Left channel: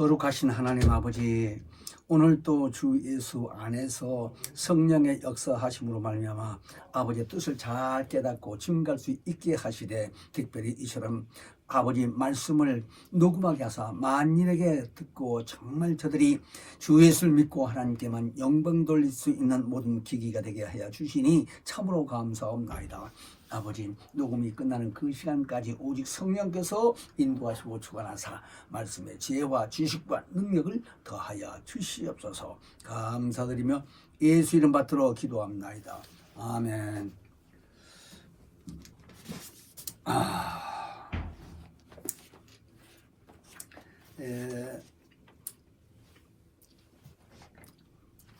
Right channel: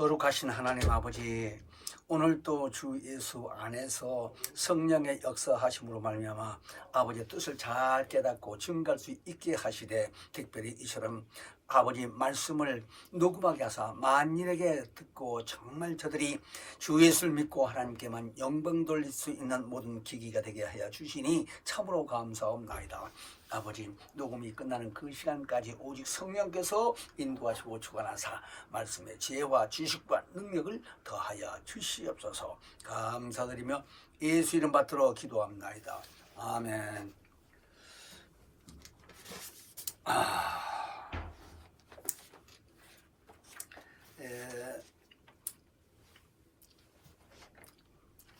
거룩하신 하나님 아버지, 오늘도 주 예수 안에서 성령의 역사하심으로 말미암아 아버지의 뜻을 잘 깨닫고 증거할 수 있게 하시되, 특별히 이처럼 아버지 말씀을 녹음하게 하사 만인에게 듣고 정말 저들이 주 예수를 믿고 하나님께만 영광 돌릴 수 있는 모든 기기가 되게 하여 주시니 참으로 감사합니다. 아버지, 녹음이 끝나는 그 시간까지 오직 성령께서 인도하시고 주관하사 말씀의 지혜와 지식과 능력을 더하여 주시옵소서. 감사드리며 예수 이름 받들어 기도합나이다. 아멘.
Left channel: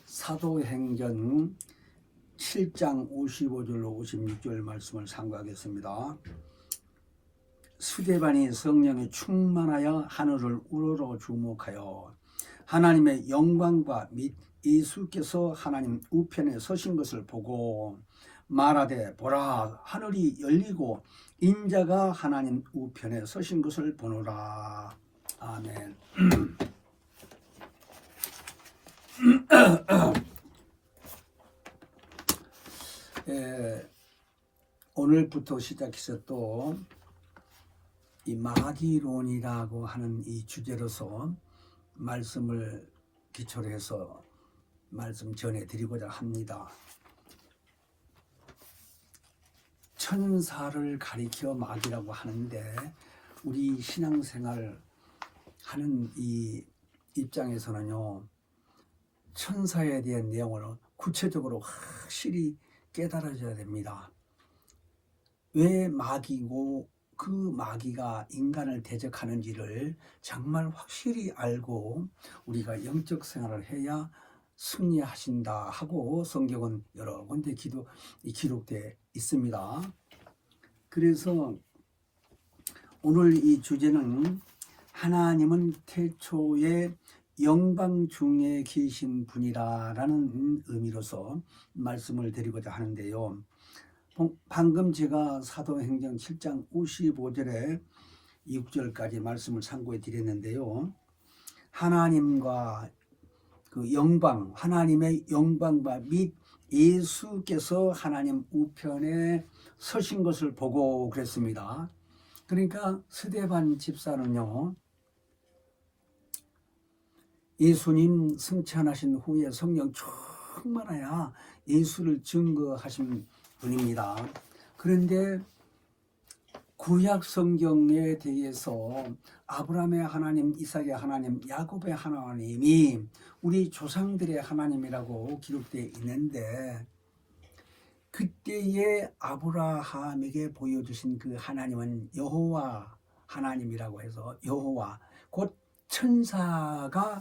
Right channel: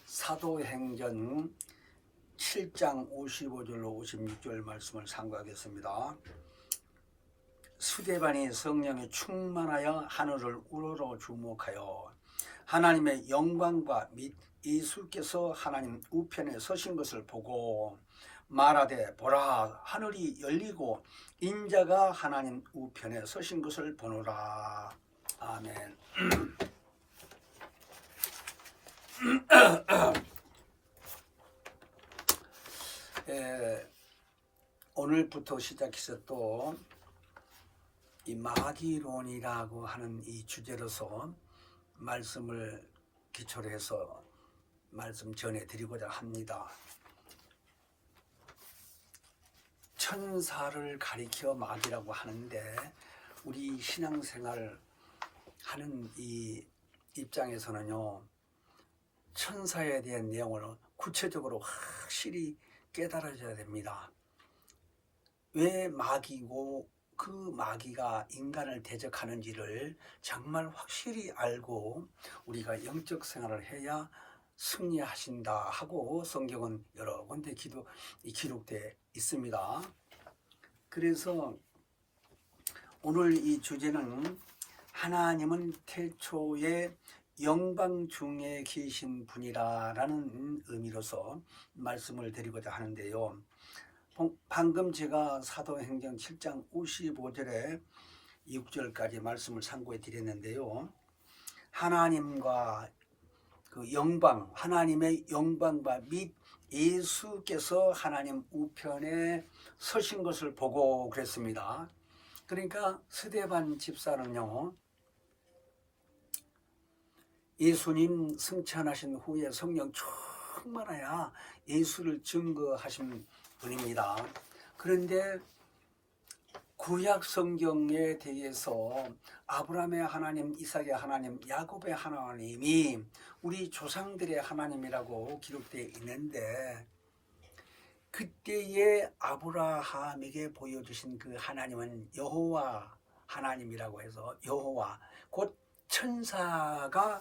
사도행전 7장 55절로 56절 말씀을 상고하겠습니다. 스데반이 성령에 충만하여 하늘을 우러러 주목하여 하나님의 영광과 및 예수께서 하나님 우편에 서신 것을 보고 말하되, 보라, 하늘이 열리고 인자가 하나님 우편에 서신 것을 보노라. 아멘. 오늘부터 시작해서 또 이 마귀론이라고 하는 이 주제로서 말씀을 기초로 해서 말씀 전해드리고자 합니다. 천사를 가리켜 마귀라고 하는데, 우리 신앙생활 하는 이 입장에서는요, 천사에 대한 내용을 구체적으로 확실히 깨달아져야 됩니다. 왜 마귀고 그 마귀가 인간을 대적하는지를 정말 확실히 알고 우리가 영적 생활을 해야 승리하신다 하고 성경은 여러 군데 기록되어 있습니다. 그래서 오늘 이 주제는 하나님은 태초에 영광 중에 계신 분이라는 의미로서 말씀을 드리고자 하는데요. 방금 제가 사도행전 7장 55절에 6절까지 말씀을 상고해 드렸는데요. 하나님과 그 영광, 하나님의 영광과 및 예수께서 하나님 우편에 서신 것을 보고 그랬습니다. 그러니까 스데반 집사는요, 예수님 승천하신 후에 성령 충만하여 예수를 증거하신 분입니다. 그런데 구약 성경에 대해서 아브라함의 하나님, 이삭의 하나님, 야곱의 하나님이 우리 조상들의 하나님이라고 기록되어 있는데, 그때의 아브라함에게 보여주신 그 하나님은 여호와 하나님이라고 해서, 여호와 곧 천사가,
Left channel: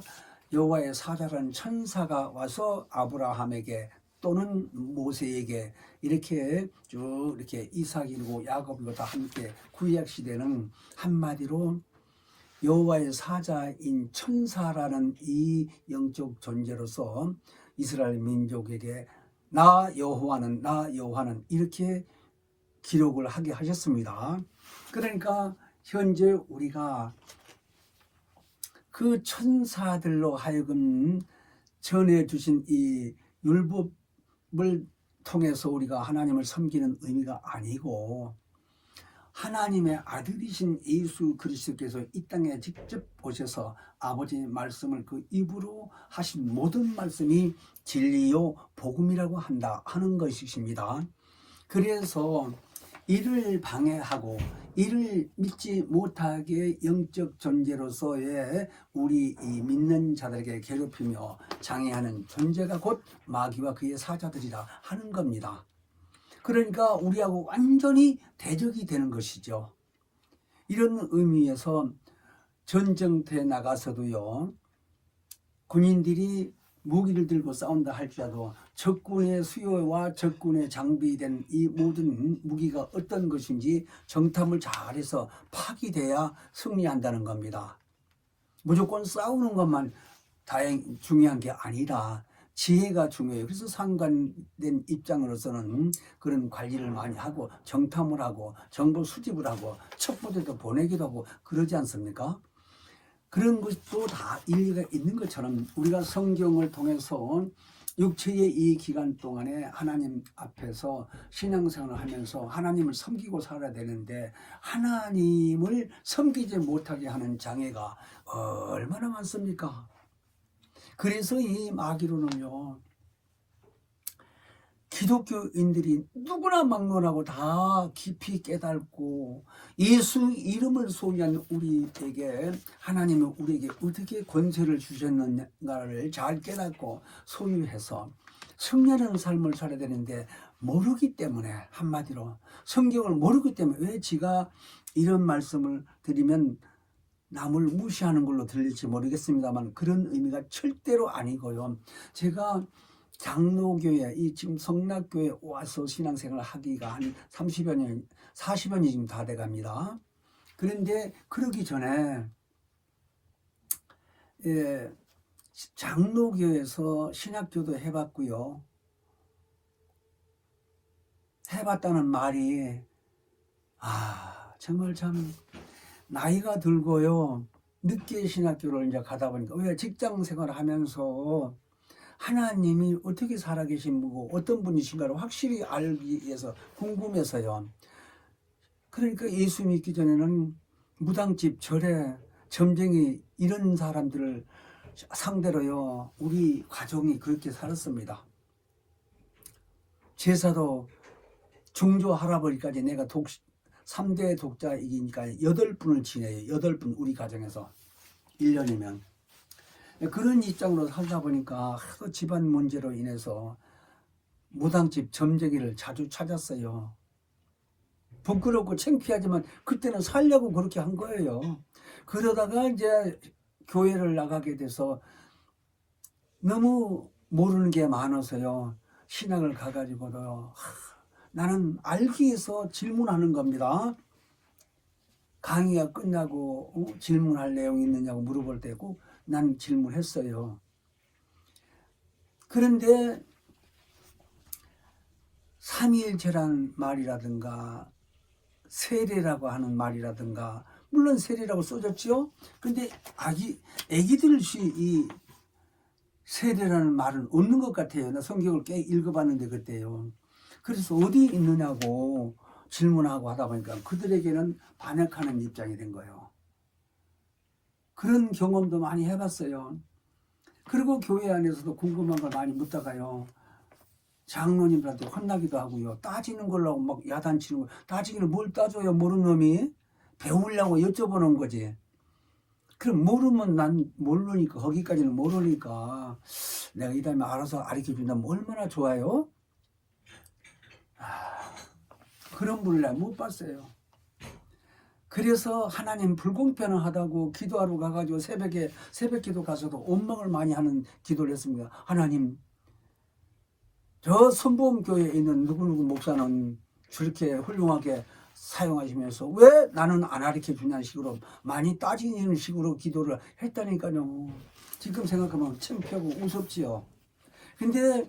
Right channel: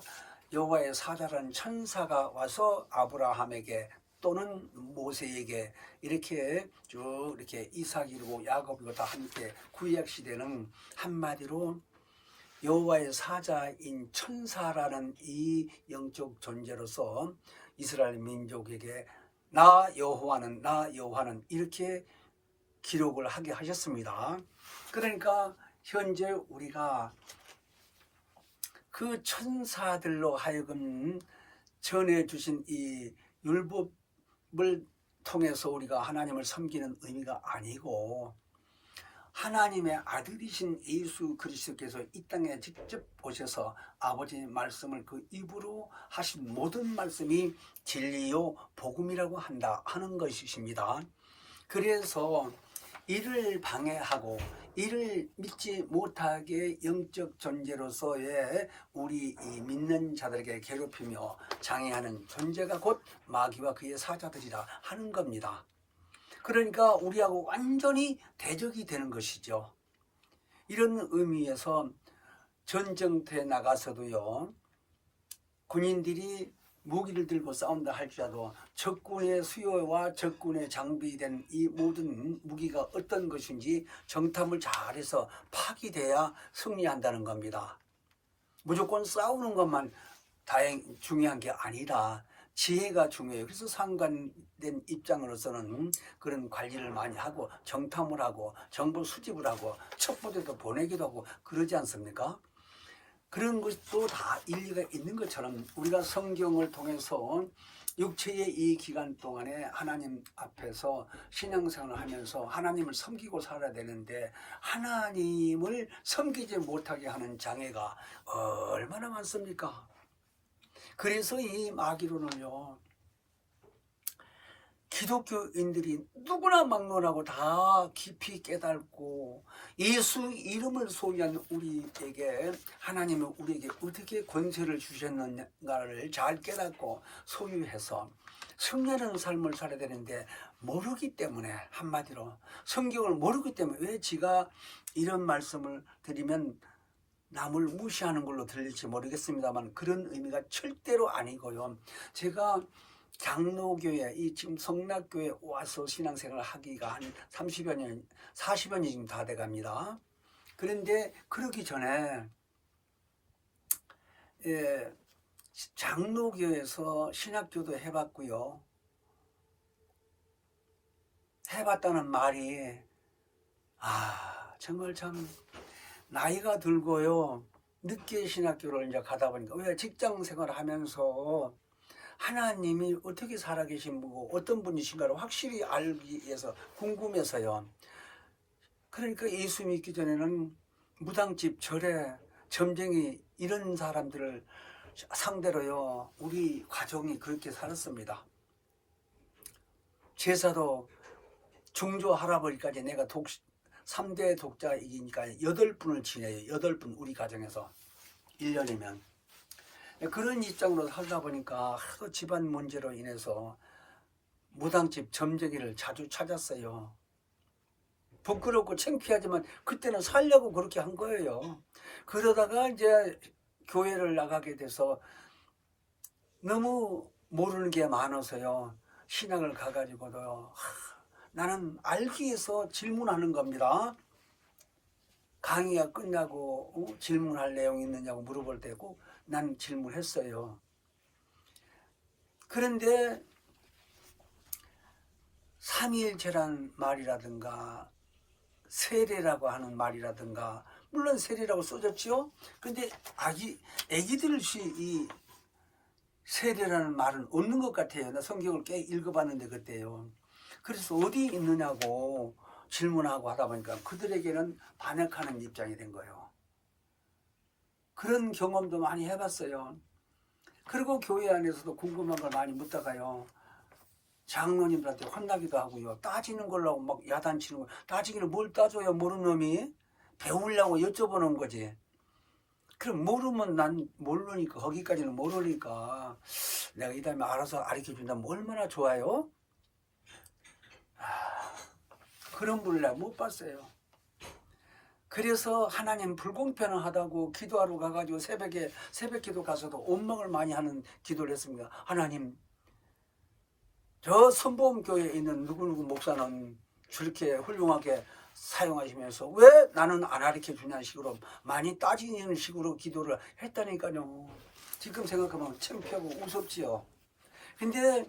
여호와의 사자라는 천사가 와서 아브라함에게 또는 모세에게 이렇게 쭉 이렇게 이삭이고 야곱이고 다 함께, 구약 시대는 한마디로 여호와의 사자인 천사라는 이 영적 존재로서 이스라엘 민족에게 나 여호와는 이렇게 기록을 하게 하셨습니다. 그러니까 현재 우리가 그 천사들로 하여금 전해주신 이 율법을 통해서 우리가 하나님을 섬기는 의미가 아니고, 하나님의 아들이신 예수 그리스도께서 이 땅에 직접 오셔서 아버지의 말씀을 그 입으로 하신 모든 말씀이 진리요 복음이라고 한다 하는 것이십니다. 그래서 이를 방해하고 이를 믿지 못하게 영적 존재로서의 우리 이 믿는 자들에게 괴롭히며 장애하는 존재가 곧 마귀와 그의 사자들이라 하는 겁니다. 그러니까 우리하고 완전히 대적이 되는 것이죠. 이런 의미에서 전쟁터에 나가서도요, 군인들이 무기를 들고 싸운다 할지라도 적군의 수요와 적군의 장비된 이 모든 무기가 어떤 것인지 정탐을 잘해서 파기돼야 승리한다는 겁니다. 무조건 싸우는 것만 중요한 게 아니라 지혜가 중요해요. 그래서 상관된 입장으로서는 그런 관리를 많이 하고 정탐을 하고 정보 수집을 하고 첩보들도 보내기도 하고 그러지 않습니까? 그런 것도 다 일리가 있는 것처럼 우리가 성경을 통해서 육체의 이 기간 동안에 하나님 앞에서 신앙생활을 하면서 하나님을 섬기고 살아야 되는데 하나님을 섬기지 못하게 하는 장애가 얼마나 많습니까? 그래서 이 마귀론을요, 기독교인들이 누구나 막론하고 다 깊이 깨닫고 예수 이름을 소유한 우리에게 하나님은 우리에게 어떻게 권세를 주셨는가를 잘 깨닫고 소유해서 승리하는 삶을 살아야 되는데 모르기 때문에, 한마디로 성경을 모르기 때문에, 왜 지가 이런 말씀을 드리면 남을 무시하는 걸로 들릴지 모르겠습니다만 그런 의미가 절대로 아니고요. 제가 장로교회, 이 지금 성락교회 와서 신앙생활을 하기가 한 30여 년, 40여 년이 지금 다 돼갑니다. 그런데 그러기 전에 장로교회에서 신학교도 해봤고요. 해봤다는 말이 정말 참 나이가 들고요. 늦게 신학교를 이제 가다 보니까 왜 직장 생활을 하면서 하나님이 어떻게 살아계신 분이고 어떤 분이신가를 확실히 알기 위해서 궁금해서요. 그러니까 예수 믿기 전에는 무당집, 절에, 점쟁이 이런 사람들을 상대로요, 우리 가족이 그렇게 살았습니다. 제사도 중조 할아버지까지 내가 3대 독자이기니까 8분을 지내요. 8분 우리 가정에서 1년이면. 그런 입장으로 살다 보니까 집안 문제로 인해서 무당집 점쟁이를 자주 찾았어요. 부끄럽고 창피하지만 그때는 살려고 그렇게 한 거예요. 그러다가 이제 교회를 나가게 돼서 너무 모르는 게 많아서요. 신학을 가가지고요. 나는 알기 위해서 질문하는 겁니다. 강의가 끝나고 질문할 내용이 있느냐고 물어볼 때고 난 질문했어요. 그런데 삼위일체라는 말이라든가 세례라고 하는 말이라든가, 물론 세례라고 써졌죠. 근데 애기들이 이 세례라는 말은 없는 것 같아요. 나 성경을 꽤 읽어봤는데 그때요. 그래서 어디 있느냐고 질문하고 하다 보니까 그들에게는 반역하는 입장이 된 거예요. 그런 경험도 많이 해봤어요. 그리고 교회 안에서도 궁금한 걸 많이 묻다가요, 장로님들한테 혼나기도 하고요. 따지는 걸로 막 야단치는 거. 따지기를 뭘 따져요, 모르는 놈이. 배우려고 여쭤보는 거지. 그럼 모르면 난 모르니까, 거기까지는 모르니까 내가 이 다음에 알아서 가르쳐준다면 얼마나 좋아요. 그런 분을 내가 못 봤어요. 그래서 하나님 불공평하다고 기도하러 가가지고 새벽기도 가서도 원망을 많이 하는 기도를 했습니다. 하나님, 저 선보험교회에 있는 누구누구 목사는 저렇게 훌륭하게 사용하시면서 왜 나는 안 가르쳐 주냐는 식으로 많이 따지는 식으로 기도를 했다니까요. 지금 생각하면 창피하고 우습지요. 근데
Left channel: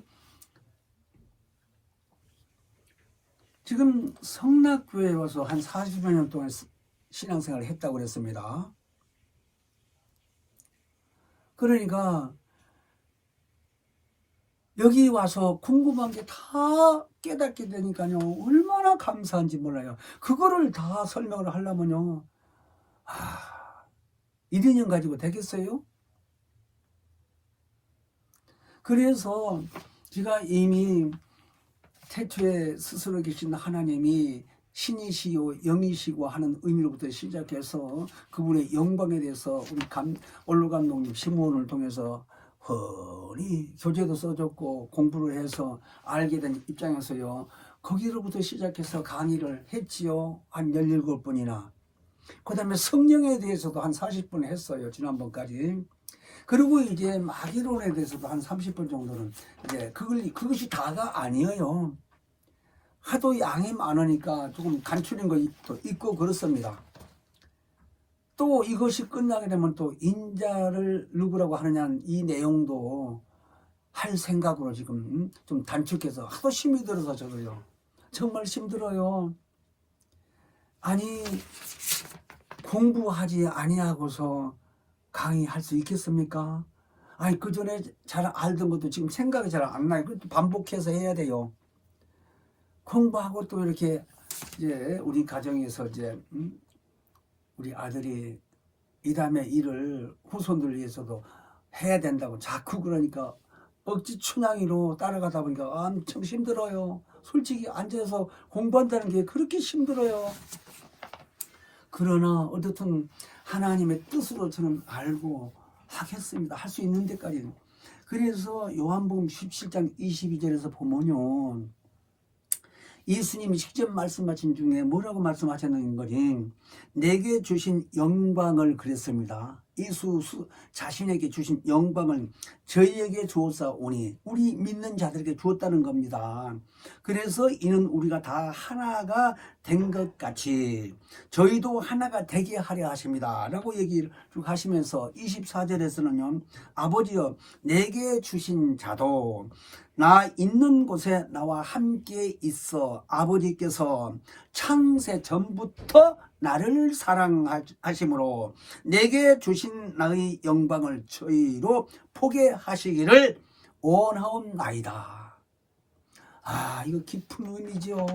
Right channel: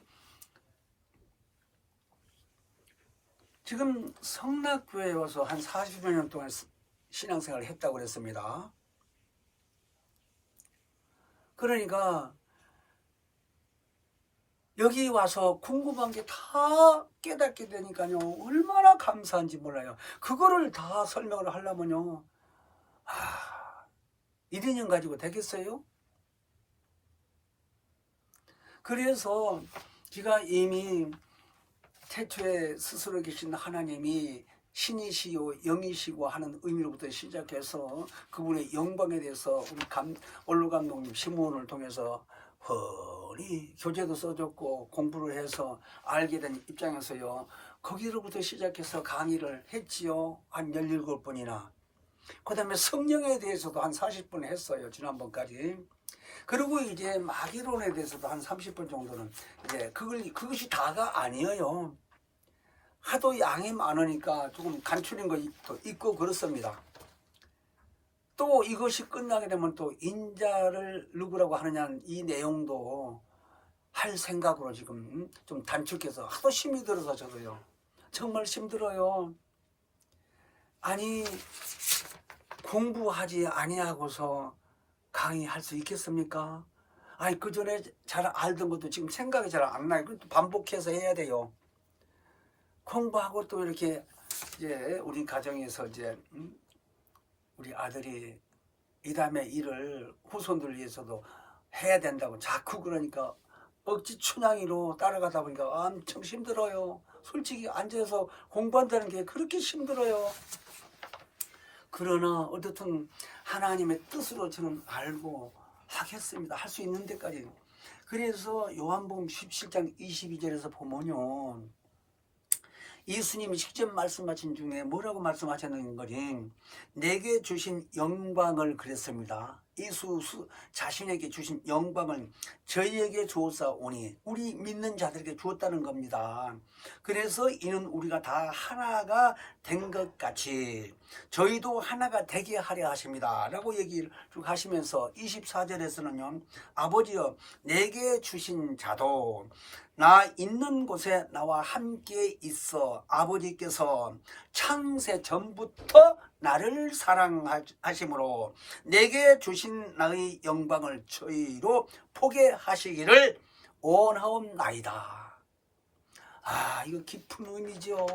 지금 성락교회에 와서 한 40여 년 동안 신앙생활을 했다고 그랬습니다. 그러니까 여기 와서 궁금한 게 다 깨닫게 되니까요, 얼마나 감사한지 몰라요. 그거를 다 설명을 하려면요, 1, 2년 가지고 되겠어요? 그래서 제가 이미 태초에 스스로 계신 하나님이 신이시요 영이시고 하는 의미로부터 시작해서 그분의 영광에 대해서 우리 원로 감독님 시몬을 통해서 훤히 교재도 써줬고 공부를 해서 알게 된 입장에서요, 거기로부터 시작해서 강의를 했지요. 한 17분이나. 그 다음에 성령에 대해서도 한 40분 했어요, 지난번까지. 그리고 이제 마귀론에 대해서도 한 30분 정도는, 그것이 다가 아니에요. 하도 양이 많으니까 조금 감추는 것도 있고 그렇습니다. 또 이것이 끝나게 되면 또 인자를 누구라고 하느냐는 이 내용도 할 생각으로 지금 좀 단축해서, 하도 힘이 들어서 저도요, 정말 힘들어요. 아니, 공부하지 아니하고서 강의할 수 있겠습니까? 아니 그 전에 잘 알던 것도 지금 생각이 잘 안 나요. 그것도 반복해서 해야 돼요. 공부하고 또 이렇게 이제 우리 가정에서 이제 우리 아들이 이 다음에 일을 후손들을 위해서도 해야 된다고 자꾸 그러니까 억지 춘향이로 따라가다 보니까 엄청 힘들어요. 솔직히 앉아서 공부한다는 게 그렇게 힘들어요. 그러나 어떻든 하나님의 뜻으로 저는 알고 하겠습니다. 할 수 있는 데까지는. 그래서 요한복음 17장 22절에서 보면요, 예수님이 직접 말씀하신 중에 뭐라고 말씀하셨는 거지? 내게 주신 영광을 그랬습니다. 예수 자신에게 주신 영광을 저희에게 주었사오니 우리 믿는 자들에게 주었다는 겁니다. 그래서 이는 우리가 다 하나가 된 것 같이 저희도 하나가 되게 하려 하십니다 라고 얘기를 쭉 하시면서 24절에서는요, 아버지여 내게 주신 자도 나 있는 곳에 나와 함께 있어 아버지께서 창세 전부터 나를 사랑하심으로 내게 주신 나의 영광을 저희로 보게 하시기를 원하옵나이다. 아, 이거 깊은 의미죠.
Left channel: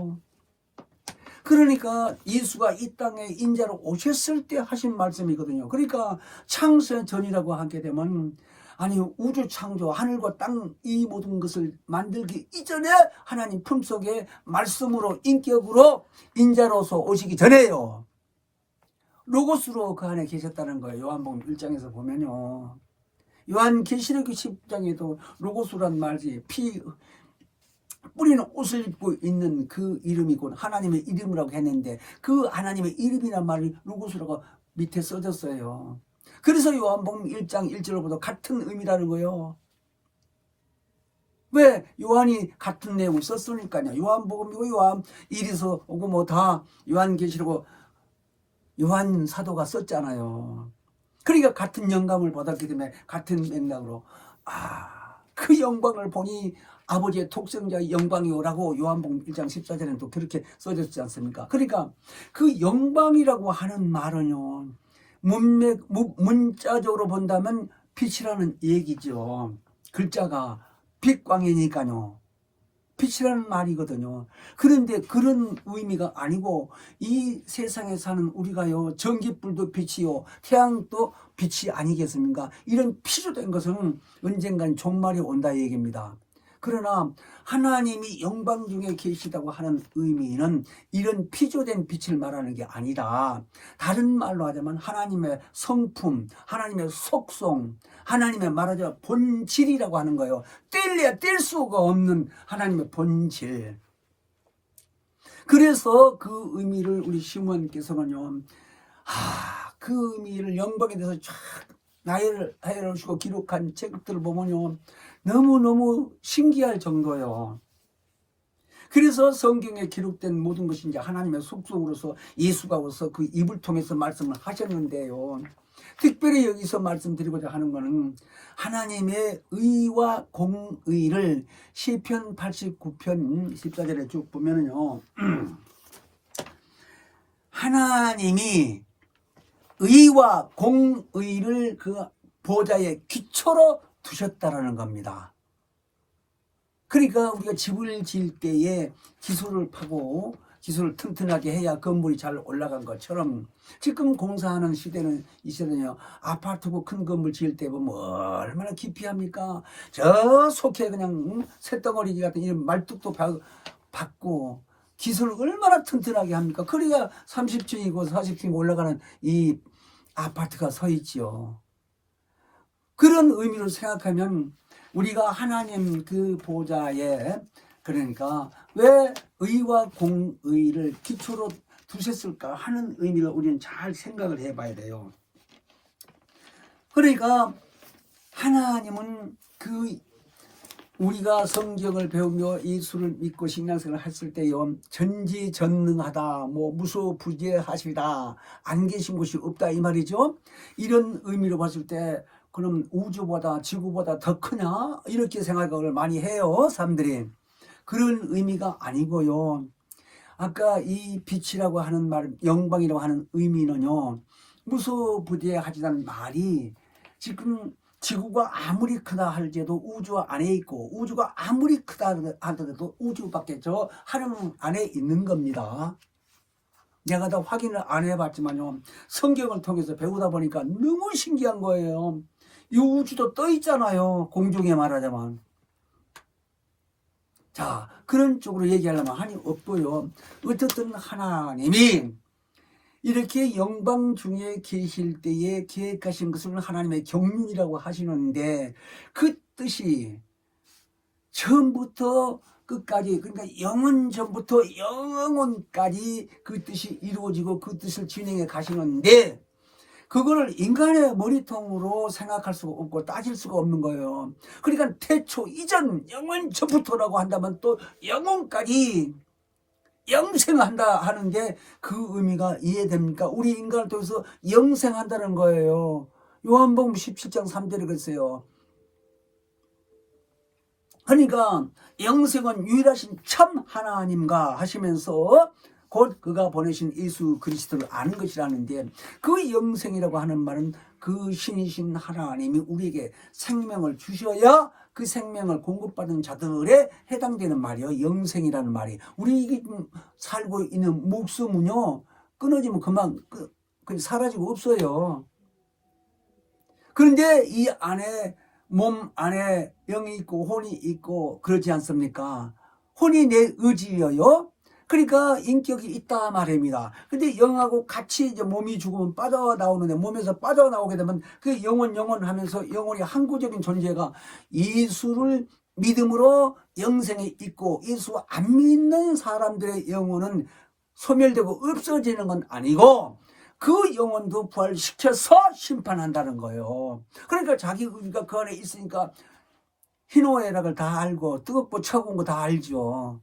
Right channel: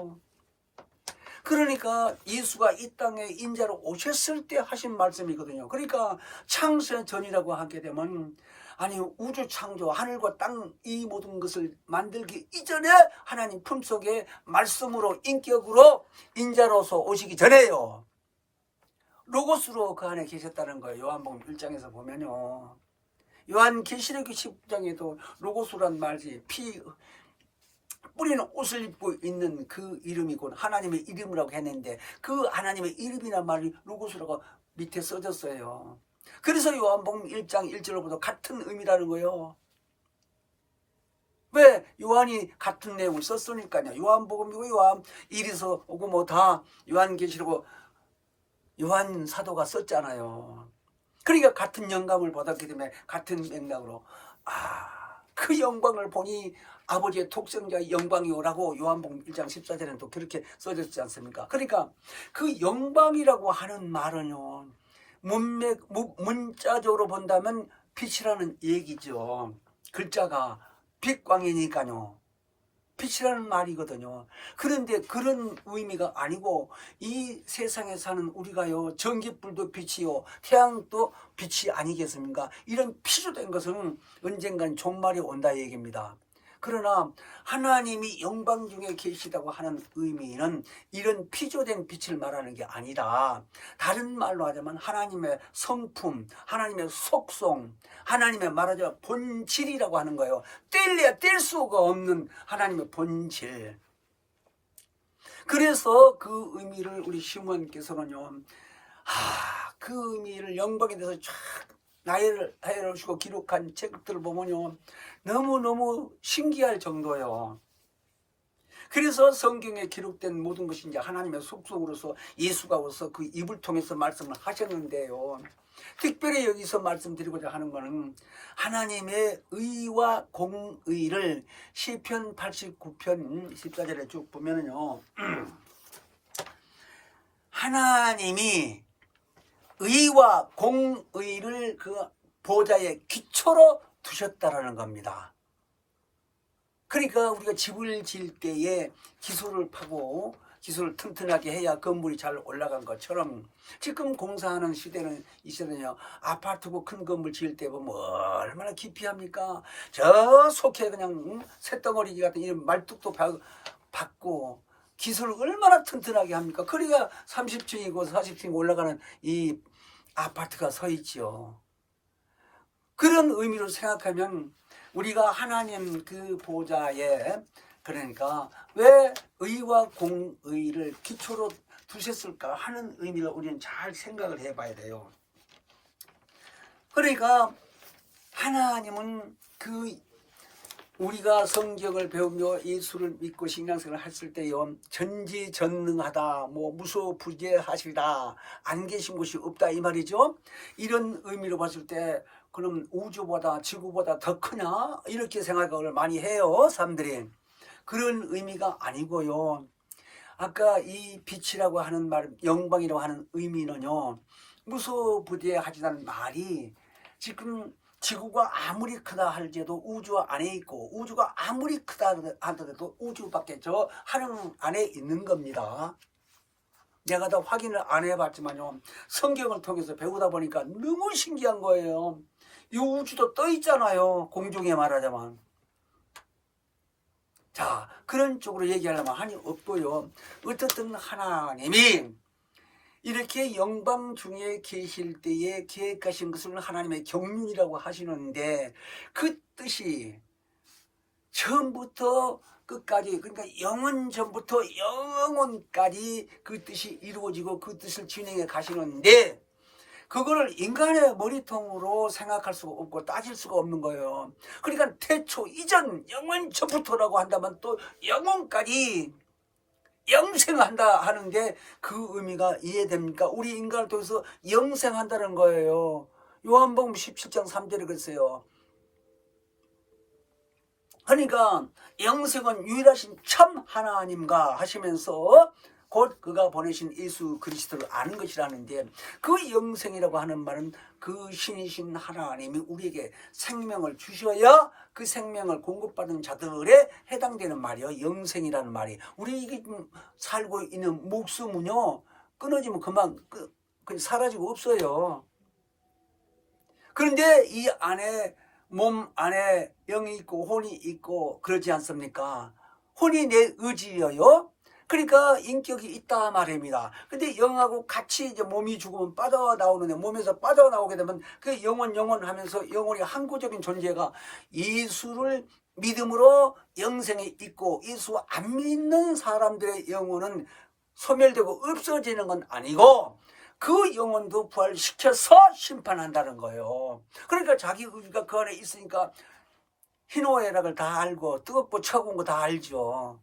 그러니까 예수가 이 땅에 인자로 오셨을 때 하신 말씀이거든요. 그러니까 창세 전이라고 하게 되면 아니 우주 창조 하늘과 땅 이 모든 것을 만들기 이전에 하나님 품속에 말씀으로 인격으로 인자로서 오시기 전에요. 로고스로 그 안에 계셨다는 거예요. 요한복음 1장에서 보면요. 요한계시록 10장에도 로고스란 말이 피 뿌리는 옷을 입고 있는 그 이름이 곧 하나님의 이름이라고 했는데 그 하나님의 이름이란 말이 로고스라고 밑에 써졌어요. 그래서 요한복음 1장 1절로부터 같은 의미라는 거예요. 왜? 요한이 같은 내용을 썼으니까요. 요한복음이고 요한 1에서 오고 뭐 다 요한계시록 요한 사도가 썼잖아요. 그러니까 같은 영감을 받았기 때문에 같은 맥락으로 그 영광을 보니 아버지의 독생자의 영광이오라고 요한복음 1장 14절에는 또 그렇게 써졌지 않습니까? 그러니까 그 영광이라고 하는 말은요, 문자적으로 본다면 빛이라는 얘기죠. 글자가 빛광이니까요. 빛이라는 말이거든요. 그런데 그런 의미가 아니고 이 세상에 사는 우리가요, 전기불도 빛이요 태양도 빛이 아니겠습니까? 이런 피조된 것은 언젠간 종말이 온다 얘기입니다. 그러나 하나님이 영광 중에 계시다고 하는 의미는 이런 피조된 빛을 말하는 게 아니라 다른 말로 하자면 하나님의 성품, 하나님의 속성, 하나님의 말하자면 본질이라고 하는 거예요. 뗄래야 뗄 수가 없는 하나님의 본질. 그래서 그 의미를 우리 시몬께서는요, 그 의미를 영광에 대해서 쫙 나열을 해놓으시고 기록한 책들을 보면요, 너무너무 신기할 정도예요. 그래서 성경에 기록된 모든 것이 이제 하나님의 속성으로서 예수가 오서 그 입을 통해서 말씀을 하셨는데요. 특별히 여기서 말씀드리고자 하는 것은 하나님의 의와 공의를 시편 89편 14절에 쭉 보면은요, 하나님이 의와 공의를 그 보좌의 기초로 두셨다라는 겁니다. 그러니까 우리가 집을 지을 때에 기초를 파고 기초를 튼튼하게 해야 건물이 잘 올라간 것처럼 지금 공사하는 시대는 이 시대는요, 아파트고 큰 건물 지을 때 보면 얼마나 깊이 합니까? 저 속에 그냥 쇳덩어리 같은 이런 말뚝도 받고 기초를 얼마나 튼튼하게 합니까? 그러니까 30층이고 40층이 올라가는 이 아파트가 서 있지요. 그런 의미로 생각하면 우리가 하나님 그 보좌에, 그러니까 왜 의와 공의를 기초로 두셨을까 하는 의미를 우리는 잘 생각을 해봐야 돼요. 그러니까 하나님은 그 우리가 성경을 배우며 예수를 믿고 신앙생활을 했을 때요, 전지전능하다, 뭐 무소부재하시다, 안 계신 곳이 없다 이 말이죠. 이런 의미로 봤을 때 그럼 우주보다 지구보다 더 크냐 이렇게 생각을 많이 해요, 사람들이. 그런 의미가 아니고요. 아까 이 빛이라고 하는 말, 영광이라고 하는 의미는요, 무소부재하시다는 말이 지금 지구가 아무리 크다 할지라도 우주 안에 있고, 우주가 아무리 크다 하더라도 우주 밖에 저 하늘 안에 있는 겁니다. 내가 다 확인을 안 해봤지만요, 성경을 통해서 배우다 보니까 너무 신기한 거예요. 이 우주도 떠 있잖아요, 공중에 말하자면. 자, 그런 쪽으로 얘기하려면 한이 없고요. 어떻든 하나님이 이렇게 영방 중에 계실 때에 계획하신 것을 하나님의 경륜이라고 하시는데, 그 뜻이 처음부터 끝까지, 그러니까 영원 전부터 영원까지 그 뜻이 이루어지고 그 뜻을 진행해 가시는데, 그거를 인간의 머리통으로 생각할 수가 없고 따질 수가 없는 거예요. 그러니까 태초 이전 영원 전부터라고 한다면 또 영원까지 영생한다 하는데, 그 의미가 이해됩니까? 우리 인간을 통해서 영생한다는 거예요. 요한복음 17장 3절에 그랬어요. 그러니까 영생은 유일하신 참 하나님과 하시면서 곧 그가 보내신 예수 그리스도를 아는 것이라는데, 그 영생이라고 하는 말은 그 신이신 하나님이 우리에게 생명을 주셔야 그 생명을 공급받은 자들에 해당되는 말이에요. 영생이라는 말이. 우리 살고 있는 목숨은요, 끊어지면 그만 사라지고 없어요. 그런데 이 안에, 몸 안에 영이 있고 혼이 있고 그렇지 않습니까? 혼이 내 의지예요. 그러니까 인격이 있다 말입니다. 근데 영하고 같이 이제 몸이 죽으면 빠져나오는데, 몸에서 빠져나오게 되면 그 영원 하면서 영혼이 항구적인 존재가 예수를 믿음으로 영생에 있고, 예수 안 믿는 사람들의 영혼은 소멸되고 없어지는 건 아니고, 그 영혼도 부활시켜서 심판한다는 거예요. 그러니까 자기 의지가 그 안에 있으니까 희노애락을 다 알고 뜨겁고 차가운 거 다 알죠.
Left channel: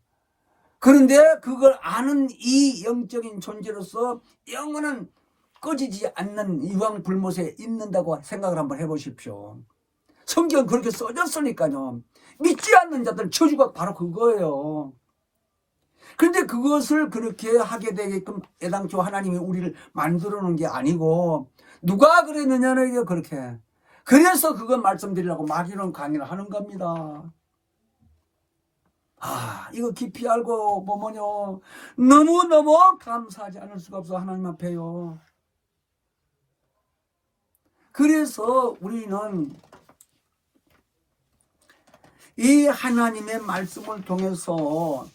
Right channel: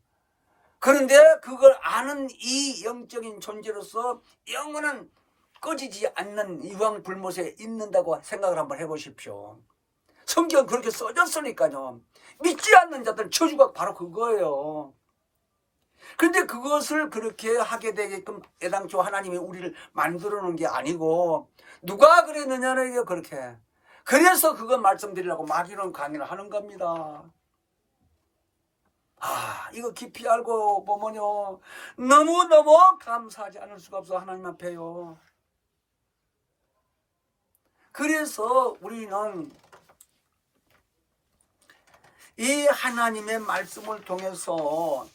그런데 그걸 아는 이 영적인 존재로서 영원한 꺼지지 않는 유황불못에 있는다고 생각을 한번 해보십시오. 성경 그렇게 써졌으니까요. 믿지 않는 자들은 저주가 바로 그거예요. 그런데 그것을 그렇게 하게 되게끔 애당초 하나님이 우리를 만들어 놓은 게 아니고, 누가 그랬느냐는 그렇게. 그래서 그거 말씀드리려고 막이런 강의를 하는 겁니다. 이거 깊이 알고 보면요, 너무너무 감사하지 않을 수가 없어, 하나님 앞에요. 그래서 우리는 이 하나님의 말씀을 통해서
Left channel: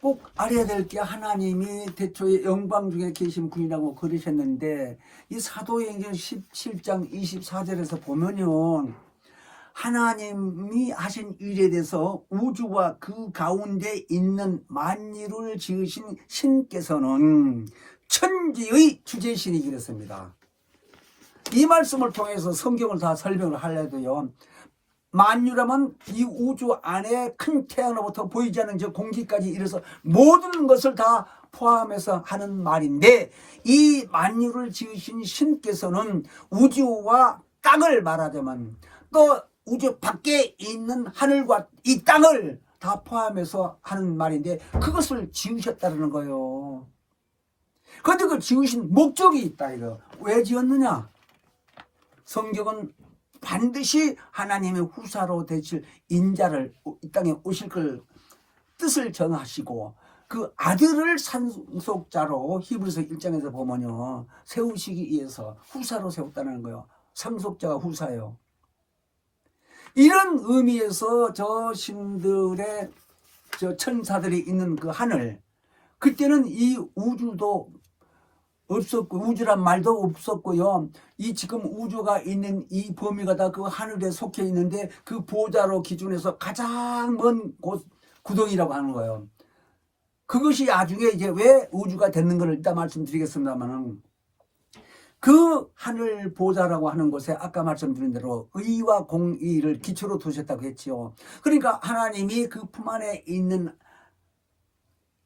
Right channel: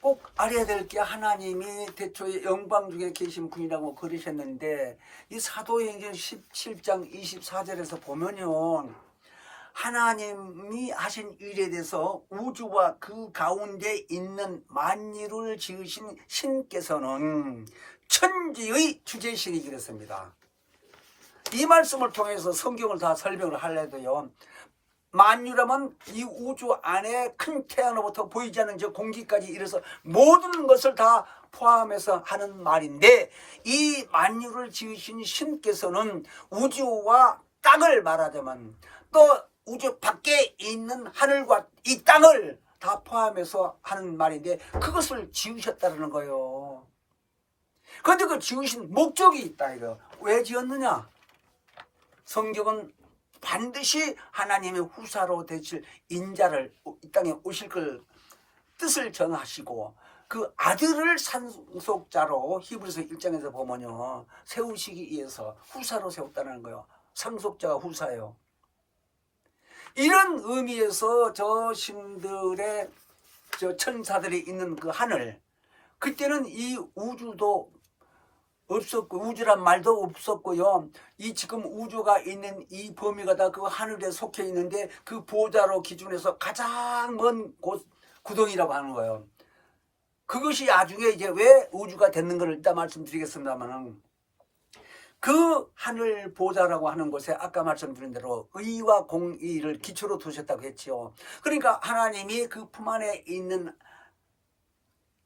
꼭 알아야 될 게, 하나님이 태초에 영광 중에 계신 분이라고 그러셨는데, 이 사도행전 17장 24절에서 보면요, 하나님이 하신 일에 대해서 우주와 그 가운데 있는 만유를 지으신 신께서는 천지의 주제신이 그랬습니다. 이 말씀을 통해서 성경을 다 설명을 하려도요, 만유라면 이 우주 안에 큰 태양으로부터 보이지 않는 저 공기까지 이래서 모든 것을 다 포함해서 하는 말인데, 이 만유를 지으신 신께서는 우주와 땅을 말하자면, 또 우주 밖에 있는 하늘과 이 땅을 다 포함해서 하는 말인데, 그것을 지으셨다는 거예요. 그런데 그 지으신 목적이 있다 이거. 왜 지었느냐? 성경은 반드시 하나님의 후사로 되실 인자를 이 땅에 오실 걸 뜻을 전하시고, 그 아들을 상속자로 히브리서 1장에서 보면요, 세우시기 위해서 후사로 세웠다는 거예요. 상속자가 후사예요. 이런 의미에서 저 신들의 저 천사들이 있는 그 하늘, 그때는 이 우주도 없었고, 우주란 말도 없었고요. 이 지금 우주가 있는 이 범위가 다 그 하늘에 속해 있는데, 그 보좌로 기준해서 가장 먼 곳, 구덩이라고 하는 거예요. 그것이 나중에 이제 왜 우주가 됐는 걸 일단 말씀드리겠습니다만은, 그 하늘 보좌라고 하는 곳에 아까 말씀드린 대로 의와 공의를 기초로 두셨다고 했지요. 그러니까 하나님이 그 품 안에 있는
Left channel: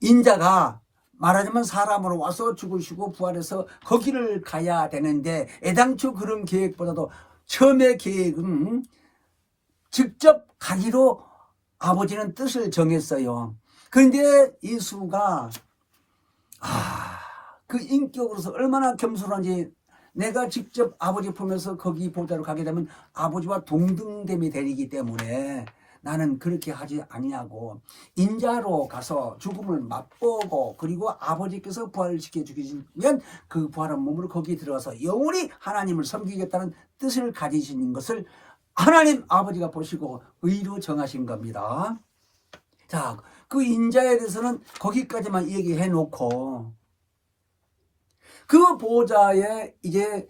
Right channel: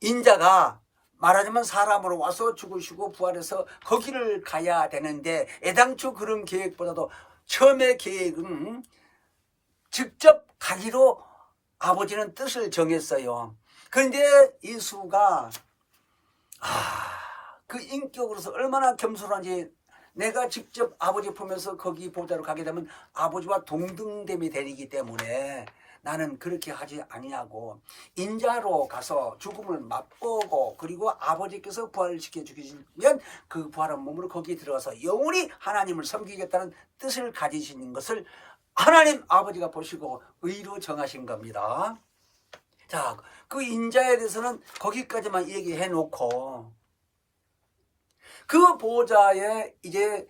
인자가 말하자면 사람으로 와서 죽으시고 부활해서 거기를 가야 되는데, 애당초 그런 계획보다도 처음의 계획은 직접 가기로 아버지는 뜻을 정했어요. 그런데 예수가 그 인격으로서 얼마나 겸손한지 내가 직접 아버지 품에서 거기 보좌로 가게 되면 아버지와 동등됨이 되기 때문에 나는 그렇게 하지 아니하고 인자로 가서 죽음을 맛보고 그리고 아버지께서 부활시켜 주시면 그 부활한 몸으로 거기에 들어가서 영원히 하나님을 섬기겠다는 뜻을 가지시는 것을 하나님 아버지가 보시고 의로 정하신 겁니다. 자, 그 인자에 대해서는 거기까지만 얘기해 놓고 그 보좌에 이제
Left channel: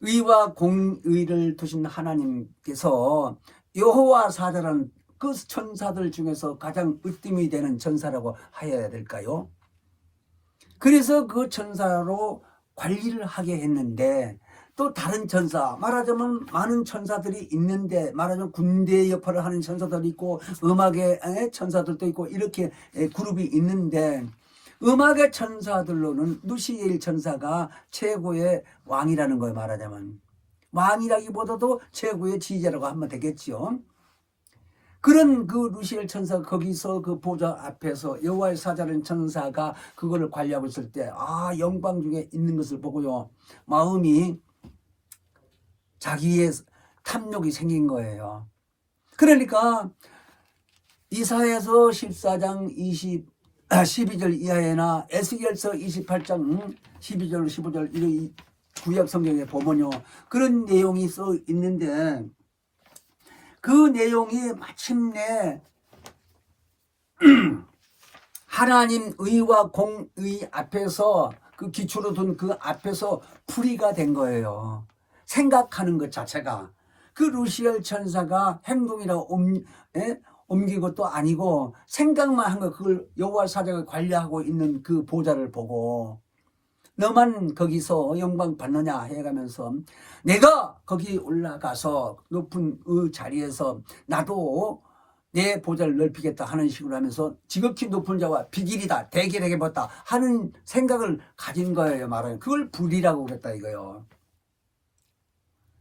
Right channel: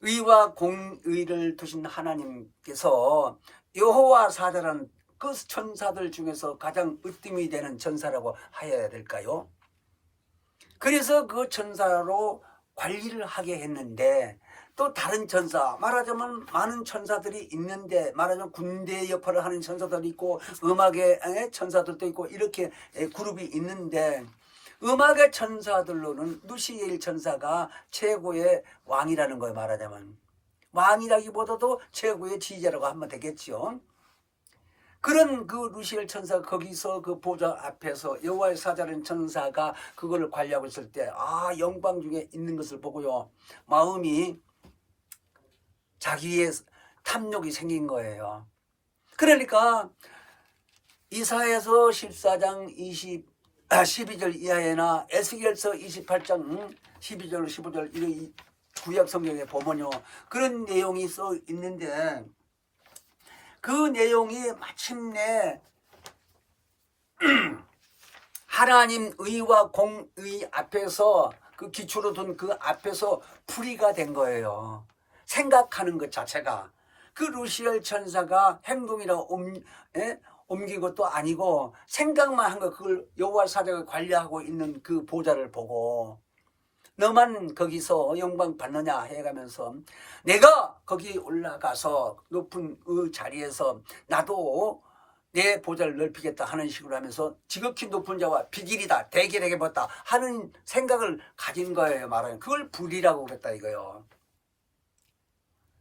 의와 공의를 두신 하나님께서 여호와 사자라는 그 천사들 중에서 가장 으뜸이 되는 천사라고 하여야 될까요? 그래서 그 천사로 관리를 하게 했는데 또 다른 천사, 말하자면 많은 천사들이 있는데 말하자면 군대 역할을 하는 천사들도 있고 음악의 천사들도 있고 이렇게 그룹이 있는데 음악의 천사들로는 루시엘 천사가 최고의 왕이라는 거예요. 말하자면 왕이라기보다도 최고의 지휘자라고 하면 되겠죠. 그런 그 루시엘 천사가 거기서 그 보좌 앞에서 여호와의 사자라는 천사가 그거를 관리하고 있을 때 영광 중에 있는 것을 보고요, 마음이 자기의 탐욕이 생긴 거예요. 그러니까 이사야서 14장 12절 이하에나 에스겔서 28장 12절 15절 이런 구약 성경에 보면요, 그런 내용이 써 있는데 그 내용이 마침내 하나님 의와 공의 앞에서 그 기초로 둔 그 앞에서 풀이가 된 거예요. 생각하는 것 자체가 그 루시엘 천사가 행동이라고 옮긴 것도 아니고 생각만 한 거, 그걸 여호와 사자가 관리하고 있는 그 보좌를 보고 너만 거기서 영광 받느냐 해가면서 내가 거기 올라가서 높은 그 자리에서 나도 내 보좌를 넓히겠다 하는 식으로 하면서 지극히 높은 자와 비길이다 대길에게 벗다 하는 생각을 가진 거예요. 말하면 그걸 불이라고 그랬다 이거요.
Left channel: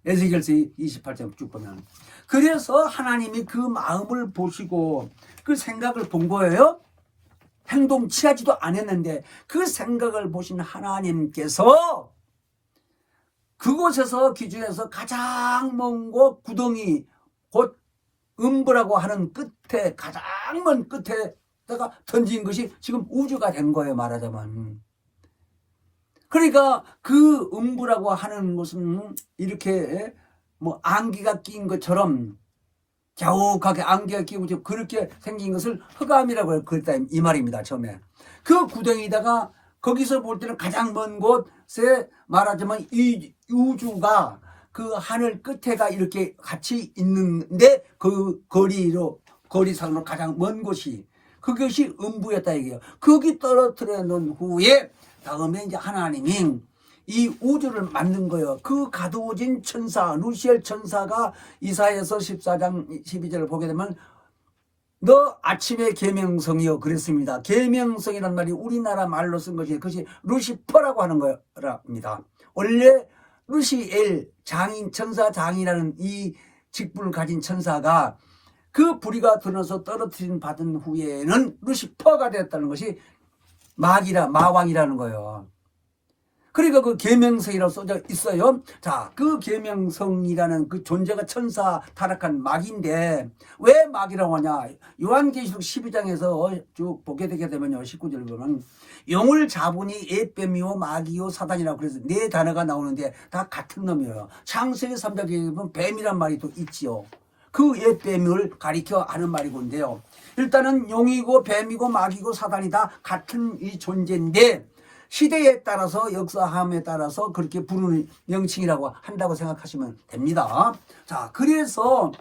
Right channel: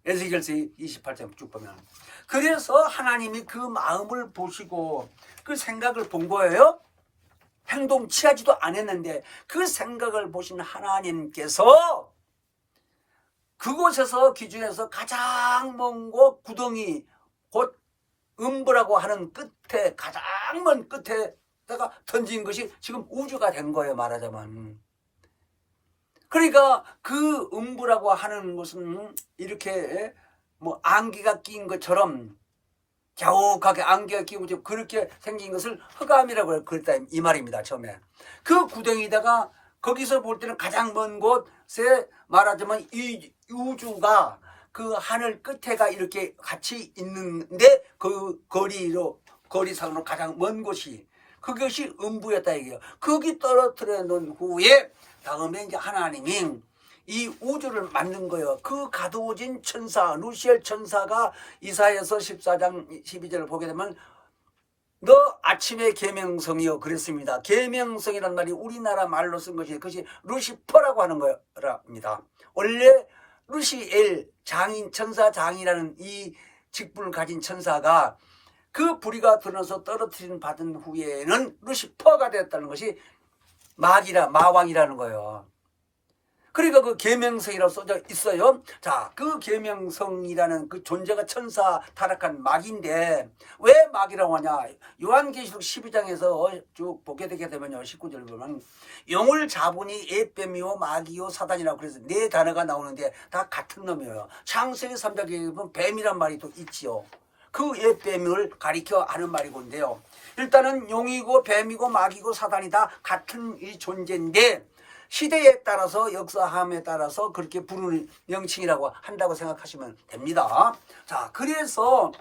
에스겔서 28장 쭉 보면 그래서 하나님이 그 마음을 보시고 그 생각을 본 거예요. 행동 취하지도 않았는데 그 생각을 보신 하나님께서 그곳에서 기준에서 가장 먼 곳 구덩이 곧 음부라고 하는 끝에 가장 먼 끝에다가 던진 것이 지금 우주가 된 거예요. 말하자면 그러니까 그 음부라고 하는 것은 이렇게 뭐 안개가 낀 것처럼 갸욱하게 안개가 끼고 그렇게 생긴 것을 흑암이라고 그랬다 이 말입니다. 처음에 그 구덩이다가 거기서 볼 때는 가장 먼 곳에 말하자면 이 우주가 그 하늘 끝에가 이렇게 같이 있는데 그 거리상으로 가장 먼 곳이 그것이 음부였다 이게요. 거기 떨어뜨려 놓은 후에 다음에 이제 하나님이 이 우주를 만든 거예요. 그 가두어진 천사 루시엘 천사가 이사야서 14장 12절을 보게 되면 너 아침의 계명성이요 그랬습니다. 계명성이라는 말이 우리나라 말로 쓴 것이 그것이 루시퍼라고 하는 거랍니다. 원래 루시엘 장인 천사 장이라는 이 직분을 가진 천사가 그 불의가 들어서 떨어뜨림 받은 후에는 루시퍼가 됐다는 것이 마왕이라는 거예요. 그러니까 그 계명성이라고 써져 있어요. 자, 그 계명성이라는 그 존재가 천사 타락한 마귀인데 왜 마귀라고 하냐? 요한계시록 12장에서 쭉 보게 되게 되면요, 19절 보면 영을 잡으니 에뱀이요 마귀요 사단이라고 그래서 네 단어가 나오는데 다 같은 놈이에요. 창세기 3장에 보면 뱀이란 말이 또 있지요. 그 에뱀을 가리켜 하는 말이건데요. 일단은 용이고 뱀이고 마귀고 사단이 다 같은 이 존재인데 시대에 따라서 역사함에 따라서 그렇게 부르는 명칭이라고 한다고 생각하시면 됩니다. 자, 그래서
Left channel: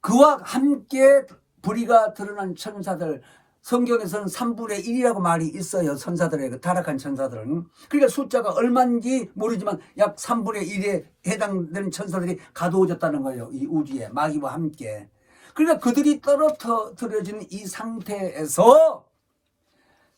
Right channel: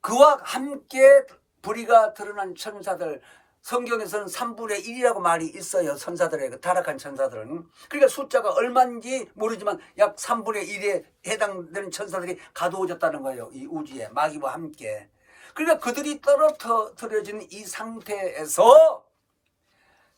그와 함께 불의가 드러난 천사들, 성경에서는 3분의 1이라고 말이 있어요. 천사들의 그 타락한 천사들은. 그러니까 숫자가 얼마인지 모르지만 약 3분의 1에 해당되는 천사들이 가두어졌다는 거예요. 이 우주에 마귀와 함께. 그러니까 그들이 떨어뜨려진 이 상태에서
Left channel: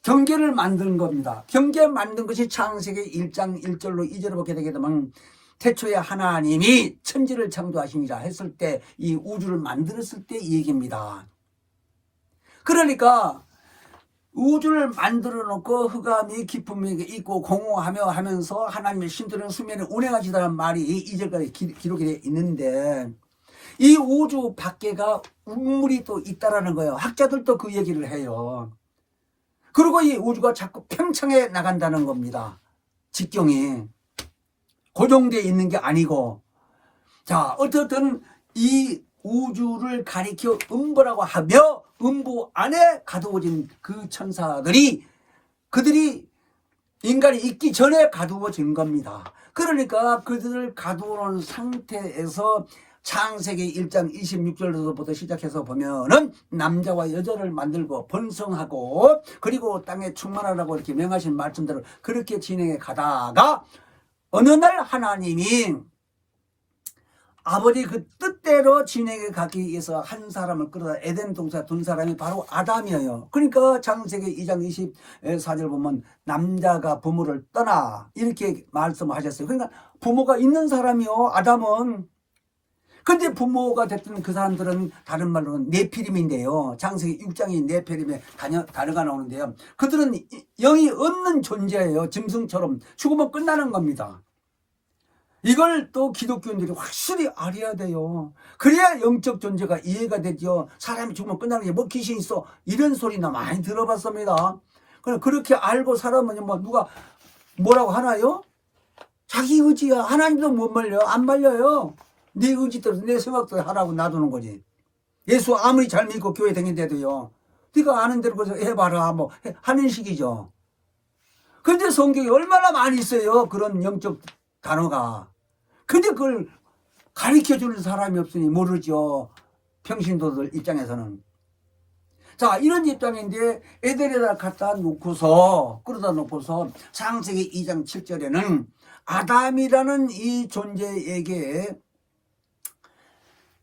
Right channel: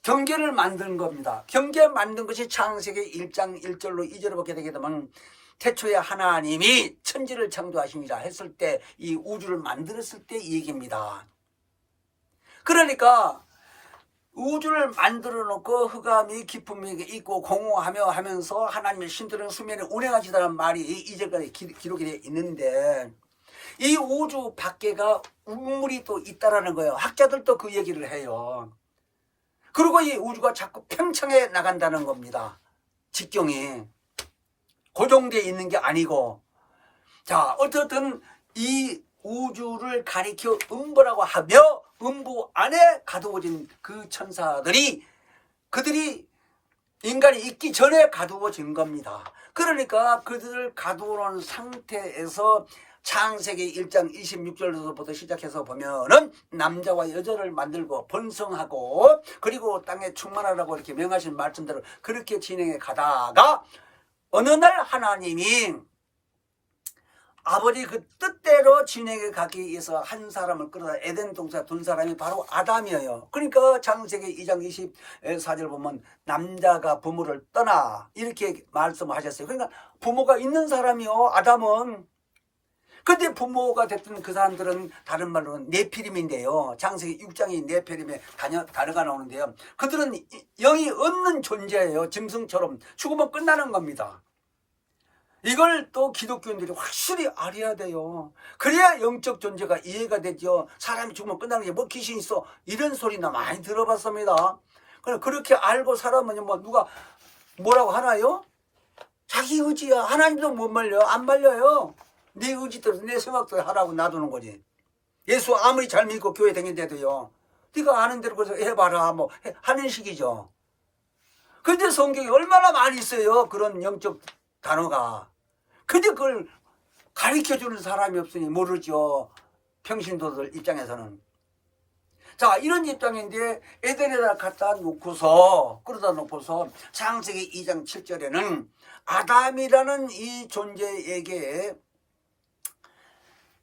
경계를 만든 겁니다. 경계 만든 것이 창세기 1장 1절로 2절을 보게 되게 되면 태초에 하나님이 천지를 창조하시니라 했을 때 이 우주를 만들었을 때 이 얘기입니다. 그러니까 우주를 만들어 놓고 흑암이 기쁨이 있고 공허하며 하면서 하나님의 신들은 수면에 운행하시다는 말이 이제까지 기록이 되어 있는데, 이 우주 밖에가 우물이 또 있다라는 거예요. 학자들도 그 얘기를 해요. 그리고 이 우주가 자꾸 팽창해 나간다는 겁니다. 직경이 고정되어 있는 게 아니고. 자, 어쨌든 이 우주를 가리켜 음부라고 하며 음부 안에 가두어진 그 천사들이, 그들이 인간이 있기 전에 가두어진 겁니다. 그러니까 그들을 가두어놓은 상태에서 창세기 1장 26절부터 시작해서 보면은 남자와 여자를 만들고 번성하고 그리고 땅에 충만하라고 이렇게 명하신 말씀대로 그렇게 진행해 가다가 어느 날 하나님이 아버지 그 뜻대로 진행해 가기 위해서 한 사람을 끌어다 에덴 동산 둔 사람이 바로 아담이에요. 그러니까 창세기 2장 24절 보면 남자가 부모를 떠나 이렇게 말씀하셨어요. 그러니까 부모가 있는 사람이요, 아담은. 근데 부모가 됐던 그 사람들은 다른 말로는 네피림인데요. 창세기 6장이 네피림의 단어가 나오는데요. 그들은 영이 없는 존재예요. 짐승처럼 죽으면 끝나는 겁니다. 이걸 또 기독교인들이 확실히 알아야 돼요. 그래야 영적 존재가 이해가 되죠. 사람이 죽으면 끝나는 게 뭐 귀신 있어 이런 소리나 많이 들어봤습니다. 그렇게 알고 살아보면 뭐 누가 뭐라고 하나요? 자기 의지야. 하나님도 못 말려. 안 말려요. 내 의지대로 내 생각대로 하라고 놔두는 거지. 예수 아무리 잘 믿고 교회 다니는데도요, 네가 아는 대로 해봐라 뭐 하는 식이죠. 근데 성경에 얼마나 많이 있어요, 그런 영적 단어가. 근데 그걸 가르쳐주는 사람이 없으니 모르죠, 평신도들 입장에서는. 자, 이런 입장인데 에덴에다 갖다 놓고서 끌어다 놓고서 창세기 2장 7절에는 아담이라는 이 존재에게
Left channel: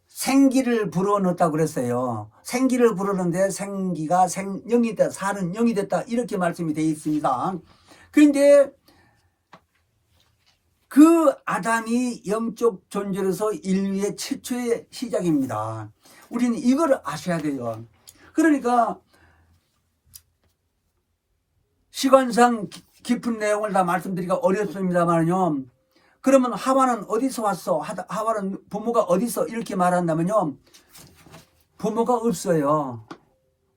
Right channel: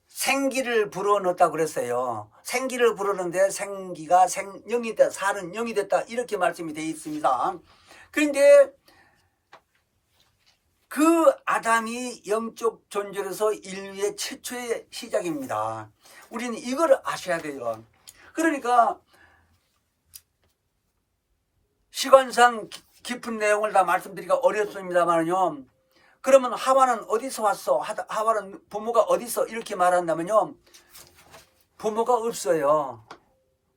생기를 불어넣었다고 그랬어요. 생기를 불어넣는데 생기가 생영이 됐다, 사는 영이 됐다, 이렇게 말씀이 되어 있습니다. 그런데 그 아담이 영적 존재로서 인류의 최초의 시작입니다. 우리는 이걸 아셔야 돼요. 그러니까 시간상 깊은 내용을 다 말씀드리기가 어렵습니다만요. 그러면 하와는 어디서 왔어? 하와는 부모가 어디서? 이렇게 말한다면요, 부모가 없어요.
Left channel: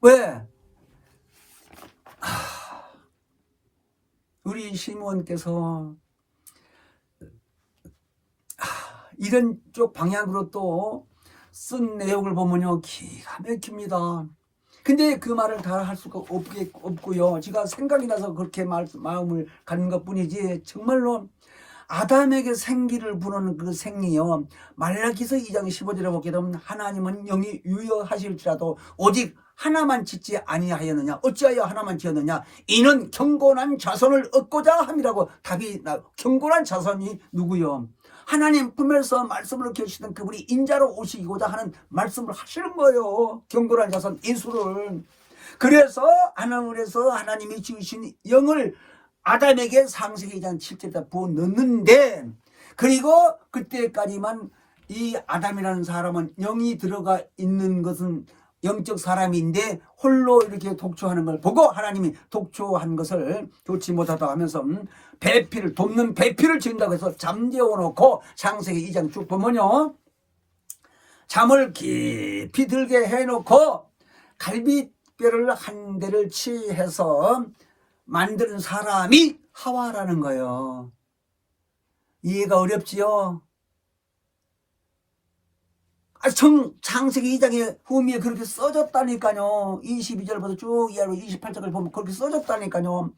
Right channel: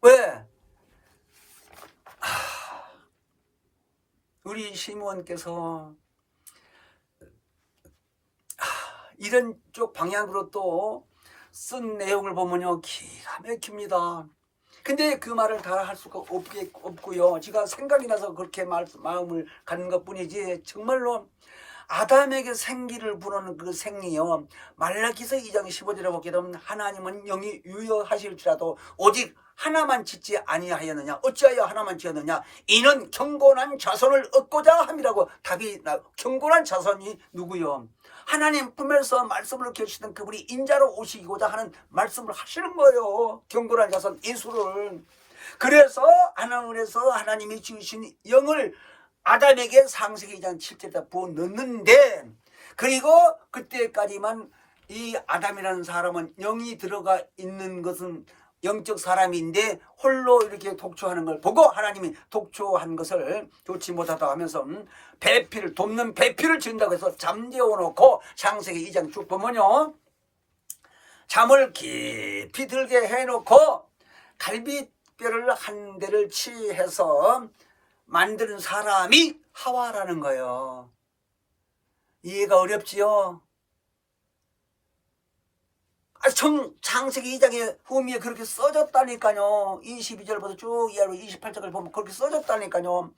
왜? 우리 시몬께서 이런 쪽 방향으로 또 쓴 내용을 보면요, 기가 막힙니다. 근데 그 말을 다 할 수가 없고요. 제가 생각이 나서 그렇게 마음을 갖는 것 뿐이지, 정말로 아담에게 생기를 부르는 그 생이요, 말라기서 2장 15절에 보게 되면 하나님은 영이 유효하실지라도 오직 하나만 짓지 아니하였느냐, 어찌하여 하나만 지었느냐, 이는 경건한 자손을 얻고자 함이라고 답이 나. 경건한 자손이 누구요? 하나님 품에서 말씀을 계시던 그분이 인자로 오시고자 하는 말씀을 하시는 거예요. 경건한 자손 예수를. 그래서 하늘에서 하나님이 지으신 영을 아담에게 창세기 2장 7절에 부어 넣는데, 그리고 그때까지만 이 아담이라는 사람은 영이 들어가 있는 것은 영적 사람인데 홀로 이렇게 독초하는 걸 보고 하나님이 독초한 것을 좋지 못하다 하면서 배필을 돕는 배필을 지은다고 해서 잠재워 놓고 창세기 2장 쭉 보면요, 잠을 깊이 들게 해놓고 갈비뼈를 한 대를 취해서 만드는 사람이 하와라는 거예요. 이해가 어렵지요? 창세기 2장의 후미에 그렇게 써졌다니까요. 22절부터 쭉 이하로 28절을 보면 그렇게 써졌다니까요.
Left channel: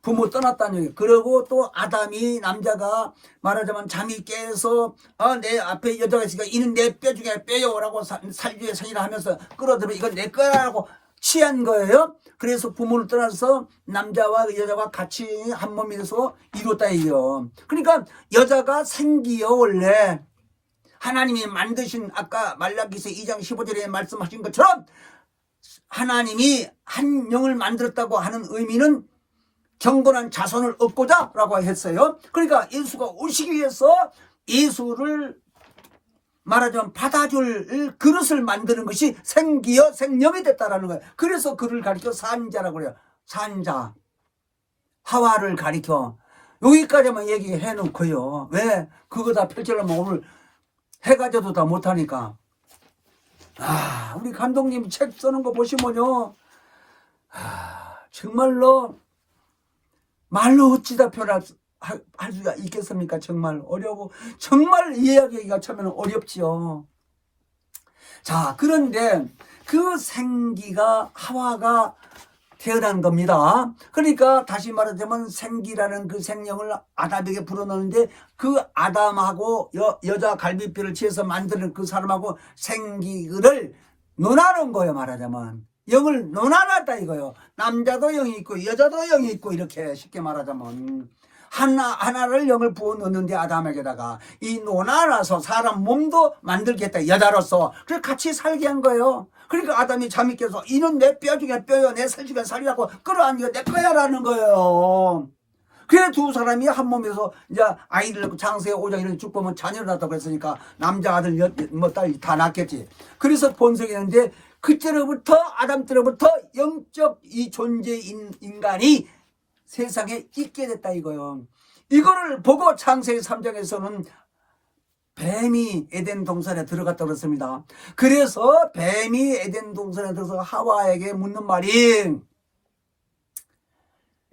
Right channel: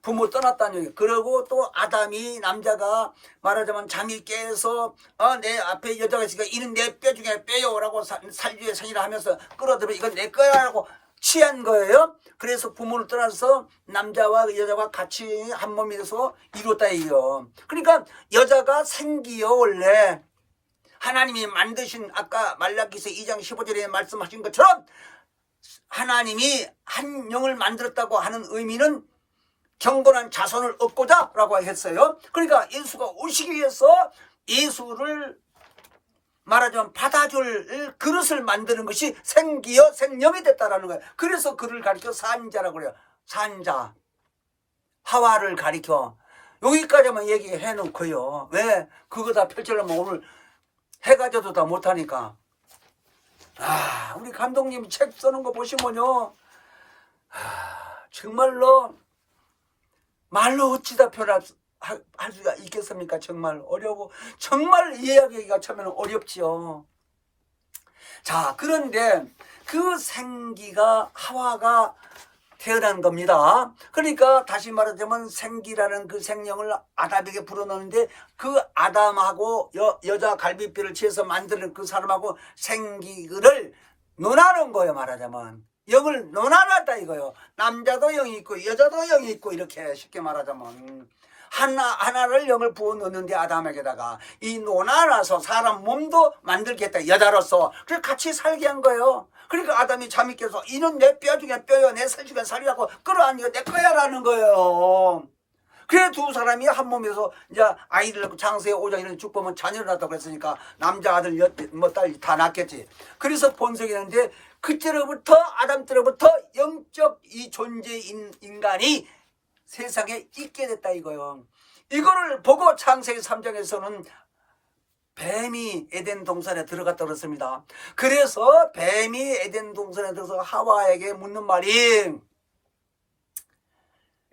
부모 떠났다니. 그리고 또 아담이, 남자가 말하자면 잠이 깨서 내 앞에 여자가 있으니까 이는 내 뼈 중에 뼈요라고 살주의 생이라 하면서 끌어들면 이건 내 거야라고 취한 거예요. 그래서 부모를 떠나서 남자와 여자가 같이 한 몸이 돼서 이뤘다 이요. 그러니까 여자가 생기요. 원래 하나님이 만드신, 아까 말라기서 2장 15절에 말씀하신 것처럼 하나님이 한 영을 만들었다고 하는 의미는 경건한 자손을 얻고자 라고 했어요. 그러니까 예수가 오시기 위해서 예수를 말하자면 받아줄 그릇을 만드는 것이 생기여 생명이 됐다라는 거예요. 그래서 그를 가리켜 산자라고 그래요. 산자 하와를 가리켜 여기까지만 얘기해 놓고요. 왜 그거 다 펼쳐놓으면 오늘 해가 져도 다 못하니까. 우리 감독님이 책 쓰는 거 보시면요, 정말로 말로 어찌다 표현할 수가 있겠습니까? 정말 어려워. 정말 이해하기가 처음에는 어렵지요. 자, 그런데 그 생기가 하와가 태어난 겁니다. 그러니까 다시 말하자면 생기라는 그 생명을 아담에게 불어넣는데 그 아담하고 여자 갈비뼈를 취해서 만드는 그 사람하고 생기를 논하는 거예요. 말하자면 영을 논하놨다 이거요. 남자도 영이 있고 여자도 영이 있고 이렇게 쉽게 말하자면 하나를 영을 부어 넣는데 아담에게다가 이 논하나서 사람 몸도 만들겠다 여자로서 그래서 같이 살게 한 거예요. 그러니까 아담이 잠이 깨서 이는 내 뼈 중에 뼈요 내 살 중에 살이라고 끌어안겨 내 거야라는 거예요. 그래 두 사람이 한 몸에서 이제 아이를 낳고 장세에 오자 이런 쭉 보면 자녀를 낳았다고 했으니까 남자 아들 뭐 딸 다 낳겠지. 그래서 본색이었는데 그때로부터 아담 때로부터 영적 이 존재인 인간이 세상에 있게 됐다 이거요. 이거를 보고 창세기 3장에서는 뱀이 에덴 동산에 들어갔다 그랬습니다. 그래서 뱀이 에덴 동산에 들어서 하와에게 묻는 말이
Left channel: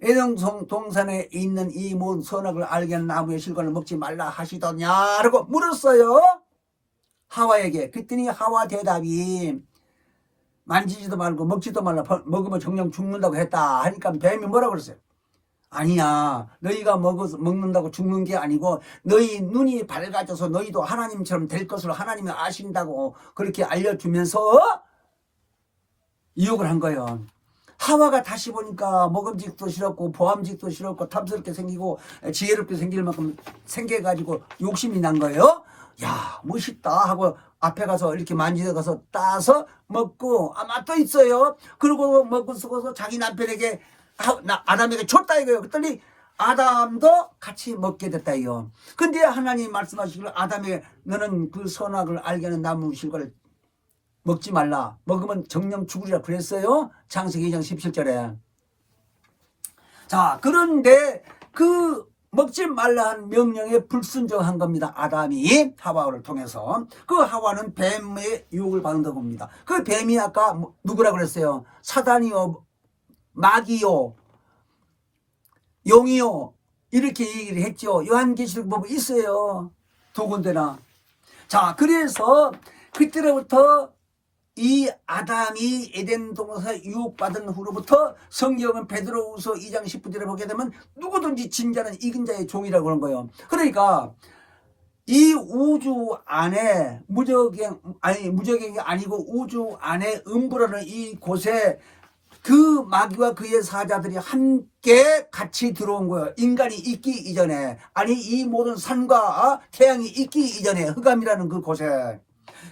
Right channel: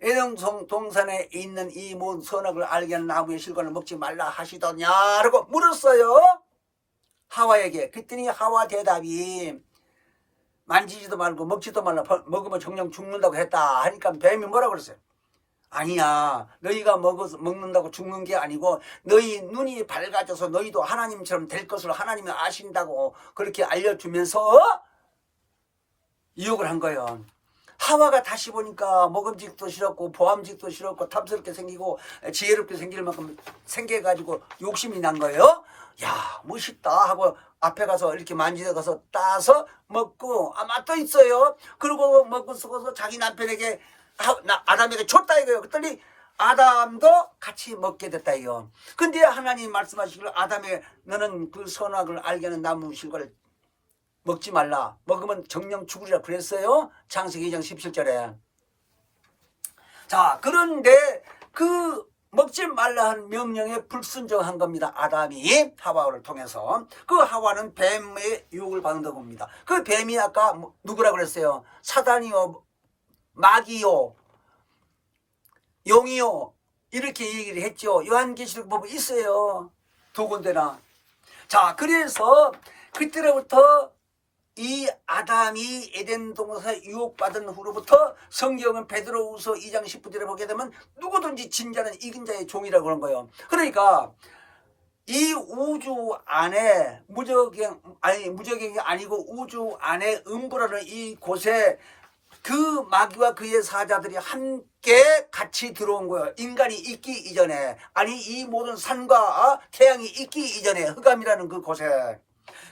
에덴 동산에 있는 이 모든 선악을 알게 하는 나무의 실과를 먹지 말라 하시더냐라고 물었어요. 하와에게. 그랬더니 하와 대답이 만지지도 말고 먹지도 말라 먹으면 정령 죽는다고 했다 하니까 뱀이 뭐라고 그랬어요? 아니야. 너희가 먹는다고 죽는 게 아니고 너희 눈이 밝아져서 너희도 하나님처럼 될 것을 하나님이 아신다고 그렇게 알려주면서 유혹을 한 거예요. 하와가 다시 보니까 먹음직도 싫었고 보암직도 싫었고 탐스럽게 생기고 지혜롭게 생길 만큼 생겨가지고 욕심이 난 거예요. 야 멋있다 하고 앞에 가서 이렇게 만지다가서 따서 먹고 맛도 있어요. 그리고 먹고 쓰고서 자기 남편에게 아담에게 줬다 이거예요. 그랬더니 아담도 같이 먹게 됐다 이거. 근데 하나님 말씀하시기를 아담에게 너는 그 선악을 알게 하는 나무 실과를 먹지 말라. 먹으면 정령 죽으리라 그랬어요. 창세기 2장 17절에. 자, 그런데 그 먹지 말라는 명령에 불순종한 겁니다. 아담이 하와를 통해서. 그 하와는 뱀의 유혹을 받는다고 봅니다. 그 뱀이 아까 누구라고 그랬어요? 사단이요, 마귀요, 용이요 이렇게 얘기를 했죠. 요한계시록 보면 있어요. 두 군데나. 자, 그래서 그때로부터 이 아담이 에덴 동산에 유혹받은 후로부터 성경은 베드로후서 2장 10절에 보게 되면 누구든지 진자는 이긴 자의 종이라고 하는 거예요. 그러니까 이 우주 안에 무적행이 아니고 우주 안에 음부라는 이 곳에 그 마귀와 그의 사자들이 함께 같이 들어온 거예요. 인간이 있기 이전에. 아니 이 모든 산과 태양이 있기 이전에 흑암이라는 그 곳에.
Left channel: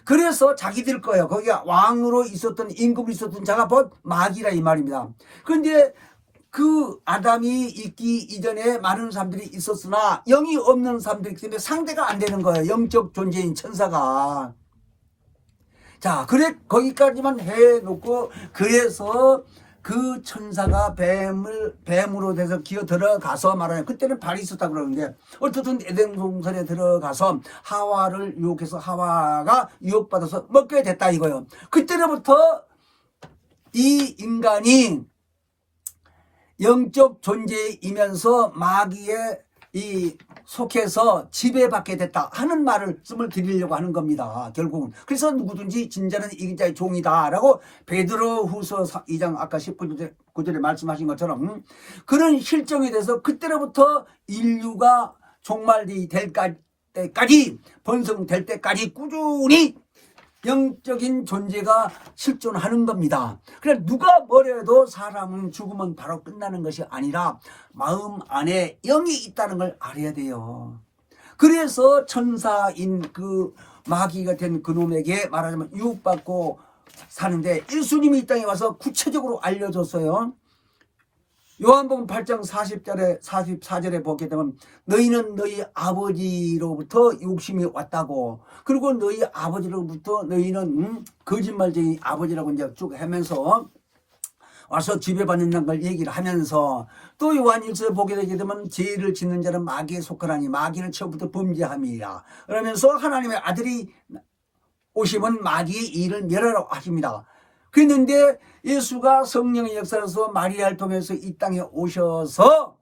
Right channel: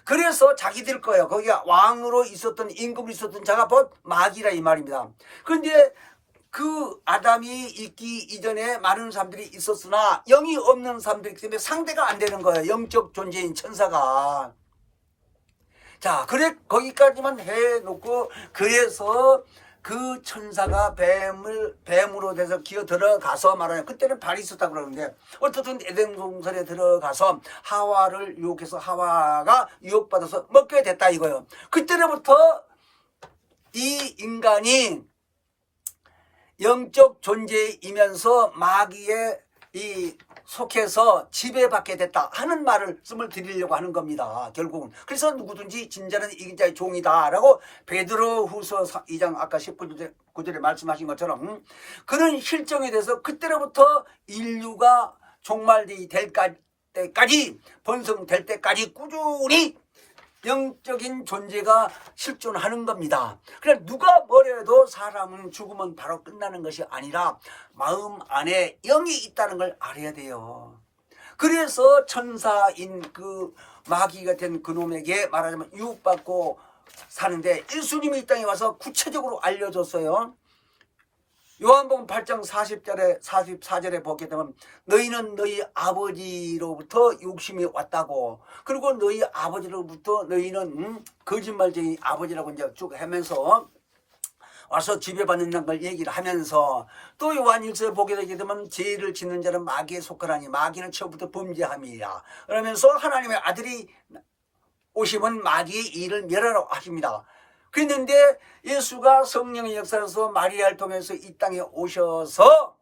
그래서 자기들 거예요. 거기가 왕으로 있었던 임금으로 있었던 자가 곧 마귀라 이 말입니다. 그런데 그 아담이 있기 이전에 많은 사람들이 있었으나 영이 없는 사람들이기 때문에 상대가 안 되는 거예요. 영적 존재인 천사가. 자, 그래 거기까지만 해놓고 그래서 그 천사가 뱀으로 돼서 기어 들어가서 말하는 그때는 발이 있었다고 그러는데 어쨌든 에덴 동산에 들어가서 하와를 유혹해서 하와가 유혹받아서 먹게 됐다 이거예요. 그때부터 이 인간이 영적 존재이면서 마귀의 이 속해서 지배받게 됐다 하는 말씀을 드리려고 하는 겁니다. 결국은. 그래서 누구든지 진자는 이긴 자의 종이다 라고 베드로후서 2장 아까 19절에 말씀하신 것처럼 그런 실정에 대해서 그때로부터 인류가 종말이 될 때까지 번성될 때까지 꾸준히 영적인 존재가 실존하는 겁니다. 그래 누가 뭐래도 사람은 죽으면 바로 끝나는 것이 아니라 마음 안에 영이 있다는 걸 알아야 돼요. 그래서 천사인 그 마귀가 된 그놈에게 말하자면 유혹받고 사는데 예수님이 이 땅에 와서 구체적으로 알려줬어요. 요한복음 8장 44절에 보게 되면 너희는 너희 아버지로부터 욕심이 왔다고 그리고 너희 아버지로부터 너희는 거짓말쟁이 아버지라고 이제 쭉 하면서 와서 지배받는 걸 얘기를 하면서 또 요한일서에 보게 되게 되면 죄를 짓는 자는 마귀에 속하나니 마귀는 처음부터 범죄함이라. 그러면서 하나님의 아들이 오시면 마귀의 일을 멸하라고 하십니다. 그랬는데 예수가 성령의 역사로서 마리아를 통해서 이 땅에 오셔서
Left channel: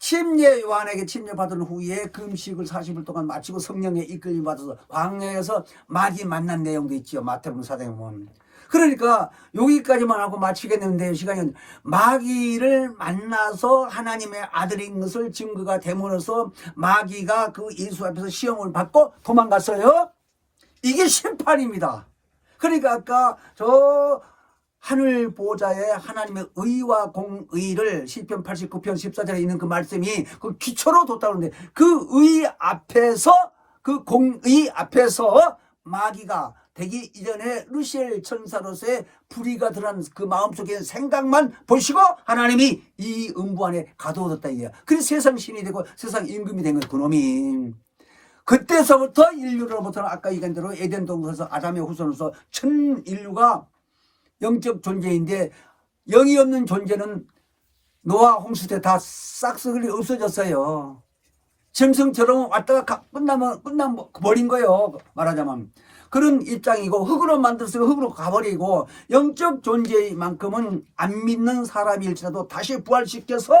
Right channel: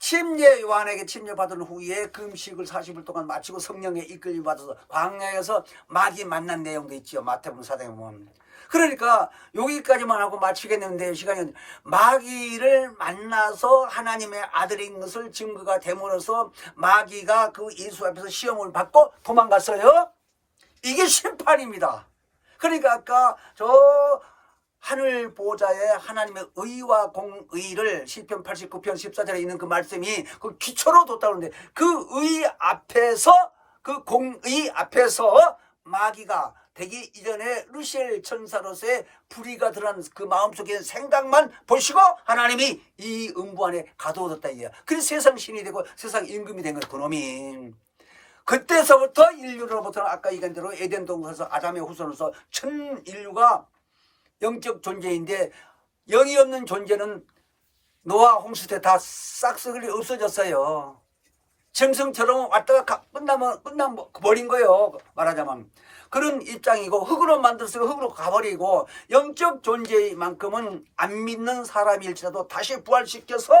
침례 요한에게 침례받은 후에 금식을 40일 동안 마치고 성령에 이끌림 받아서 광야에서 마귀 만난 내용도 있죠. 마태복음 4장에 보면. 그러니까 여기까지만 하고 마치겠는데 시간이 마귀를 만나서 하나님의 아들인 것을 증거가 됨으로써 마귀가 그 예수 앞에서 시험을 받고 도망갔어요. 이게 심판입니다. 그러니까 아까 저 하늘 보좌에 하나님의 의와 공의를 시편 89편 14절에 있는 그 말씀이 그 기초로 뒀다고 하는데 그 의 앞에서 그 공의 앞에서 마귀가 되기 이전에 루시엘 천사로서의 불의가 드러난 그 마음속의 생각만 보시고 하나님이 이 음부 안에 가둬뒀다 이거야. 그래서 세상 신이 되고 세상 임금이 된 것 그놈이. 그때서부터 인류로부터 아까 얘기한 대로 에덴 동산에서 아담의 후손으로서 전 인류가 영적 존재인데 영이 없는 존재는 노아 홍수 때 다 싹쓸이 없어졌어요. 짐승처럼 왔다가 끝나면 버린 거예요. 말하자면 그런 입장이고 흙으로 만들었으면 흙으로 가버리고 영적 존재만큼은 안 믿는 사람일지라도 다시 부활시켜서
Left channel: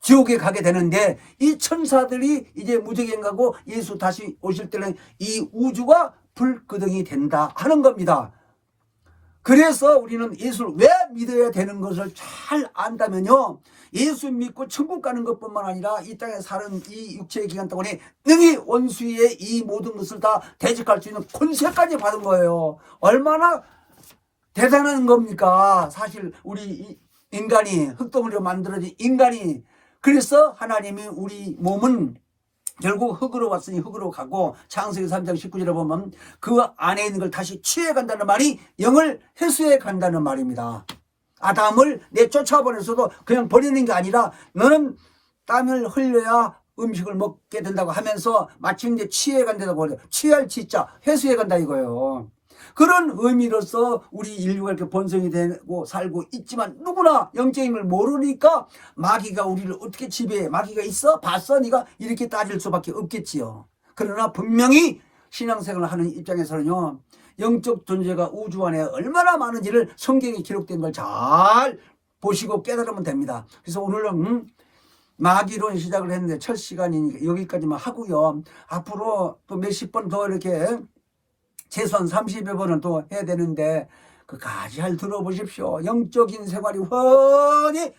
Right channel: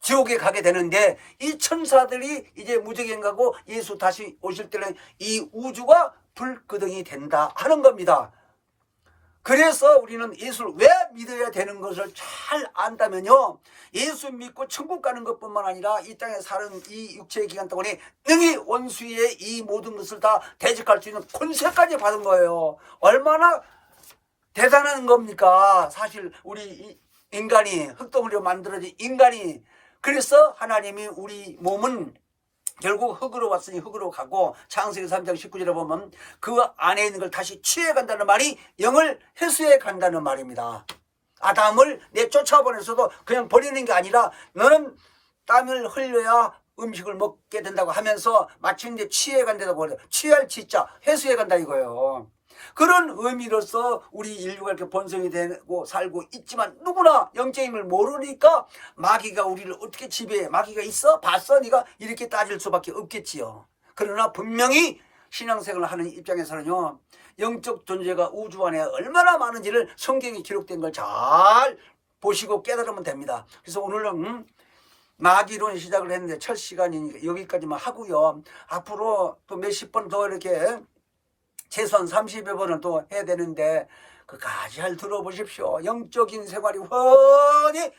지옥에 가게 되는데 이 천사들이 이제 무적행 가고 예수 다시 오실 때는 이 우주가 불끄덩이 된다 하는 겁니다. 그래서 우리는 예수를 왜 믿어야 되는 것을 잘 안다면요. 예수 믿고 천국 가는 것뿐만 아니라 이 땅에 사는 이 육체의 기간 동안에 능히 원수의 이 모든 것을 다 대적할 수 있는 권세까지 받은 거예요. 얼마나 대단한 겁니까? 사실 우리 인간이 흙덩어리로 만들어진 인간이 그래서 하나님이 우리 몸은 결국 흙으로 왔으니 흙으로 가고 창세기 3장 19절에 보면 그 안에 있는 걸 다시 취해간다는 말이 영을 회수해 간다는 말입니다. 아담을 내쫓아보내서도 그냥 버리는 게 아니라 너는 땀을 흘려야 음식을 먹게 된다고 하면서 마침내 취해 간다고 그래요. 취할 취자 회수해 간다 이거예요. 그런 의미로서 우리 인류가 이렇게 번성이 되고 살고 있지만 누구나 영적인 걸 모르니까 마귀가 우리를 어떻게 지배해. 마귀가 있어? 봤어? 네가 이렇게 따질 수밖에 없겠지요. 그러나 분명히 신앙생활을 하는 입장에서는요. 영적 존재가 우주 안에 얼마나 많은지를 성경에 기록된 걸 잘 보시고 깨달으면 됩니다. 그래서 오늘은 마귀론 시작을 했는데 첫 시간이니까 여기까지만 하고요. 앞으로 또 몇십 번 더 이렇게 최소한 30여 번은 또 해야 되는데 그까지 잘 들어보십시오. 영적인 생활이 훤히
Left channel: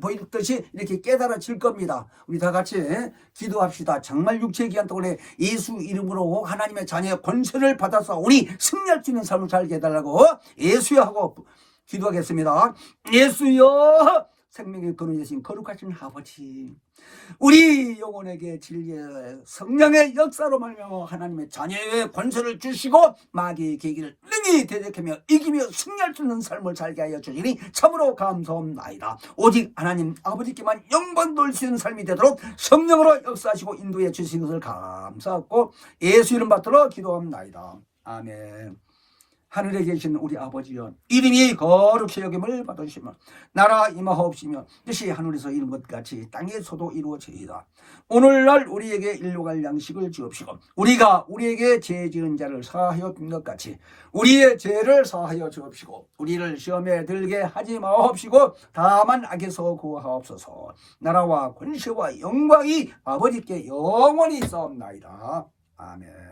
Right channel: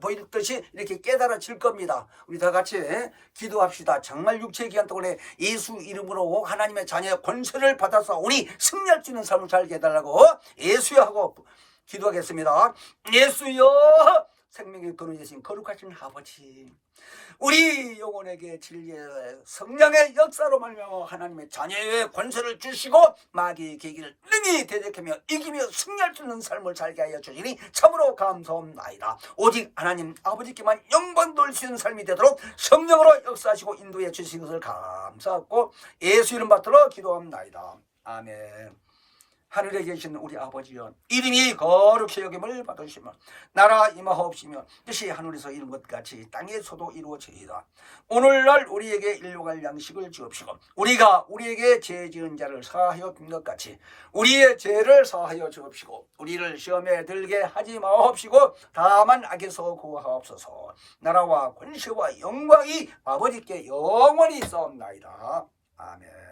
보이듯이 이렇게 깨달아질 겁니다. 우리 다 같이 기도합시다. 정말 육체의 기한 동안에 예수 이름으로 하나님의 자녀의 권세를 받아서 우리 승리할 수 있는 삶을 살게 해달라고 예수여 하고 기도하겠습니다. 예수여 생명의 근원 되신 거룩하신 아버지 우리 영혼에게 진리의 성령의 역사로 말미암아 하나님의 자녀의 권세를 주시고 마귀의 계기를 능히 대적하며 이기며 승리할 수 있는 삶을 살게 하여 주시니 참으로 감사합니다. 오직 하나님 아버지께만 영광 돌리시는 삶이 되도록 성령으로 역사하시고 인도해 주시는 것을 감사하고 예수 이름 받들어 기도합니다. 아멘. 하늘에 계신 우리 아버지여 이름이 거룩히 여김을 받으시며 나라 임하옵시며 뜻이 하늘에서 이룬 것 같이 땅에서도 이루어지이다. 오늘날 우리에게 일용할 양식을 주옵시고 우리가 우리에게 죄 지은 자를 사하여 준 것 같이 우리의 죄를 사하여 주옵시고 우리를 시험에 들게 하지 마옵시고 다만 악에서 구하옵소서. 나라와 권세와 영광이 아버지께 영원히 있사옵나이다. 아멘.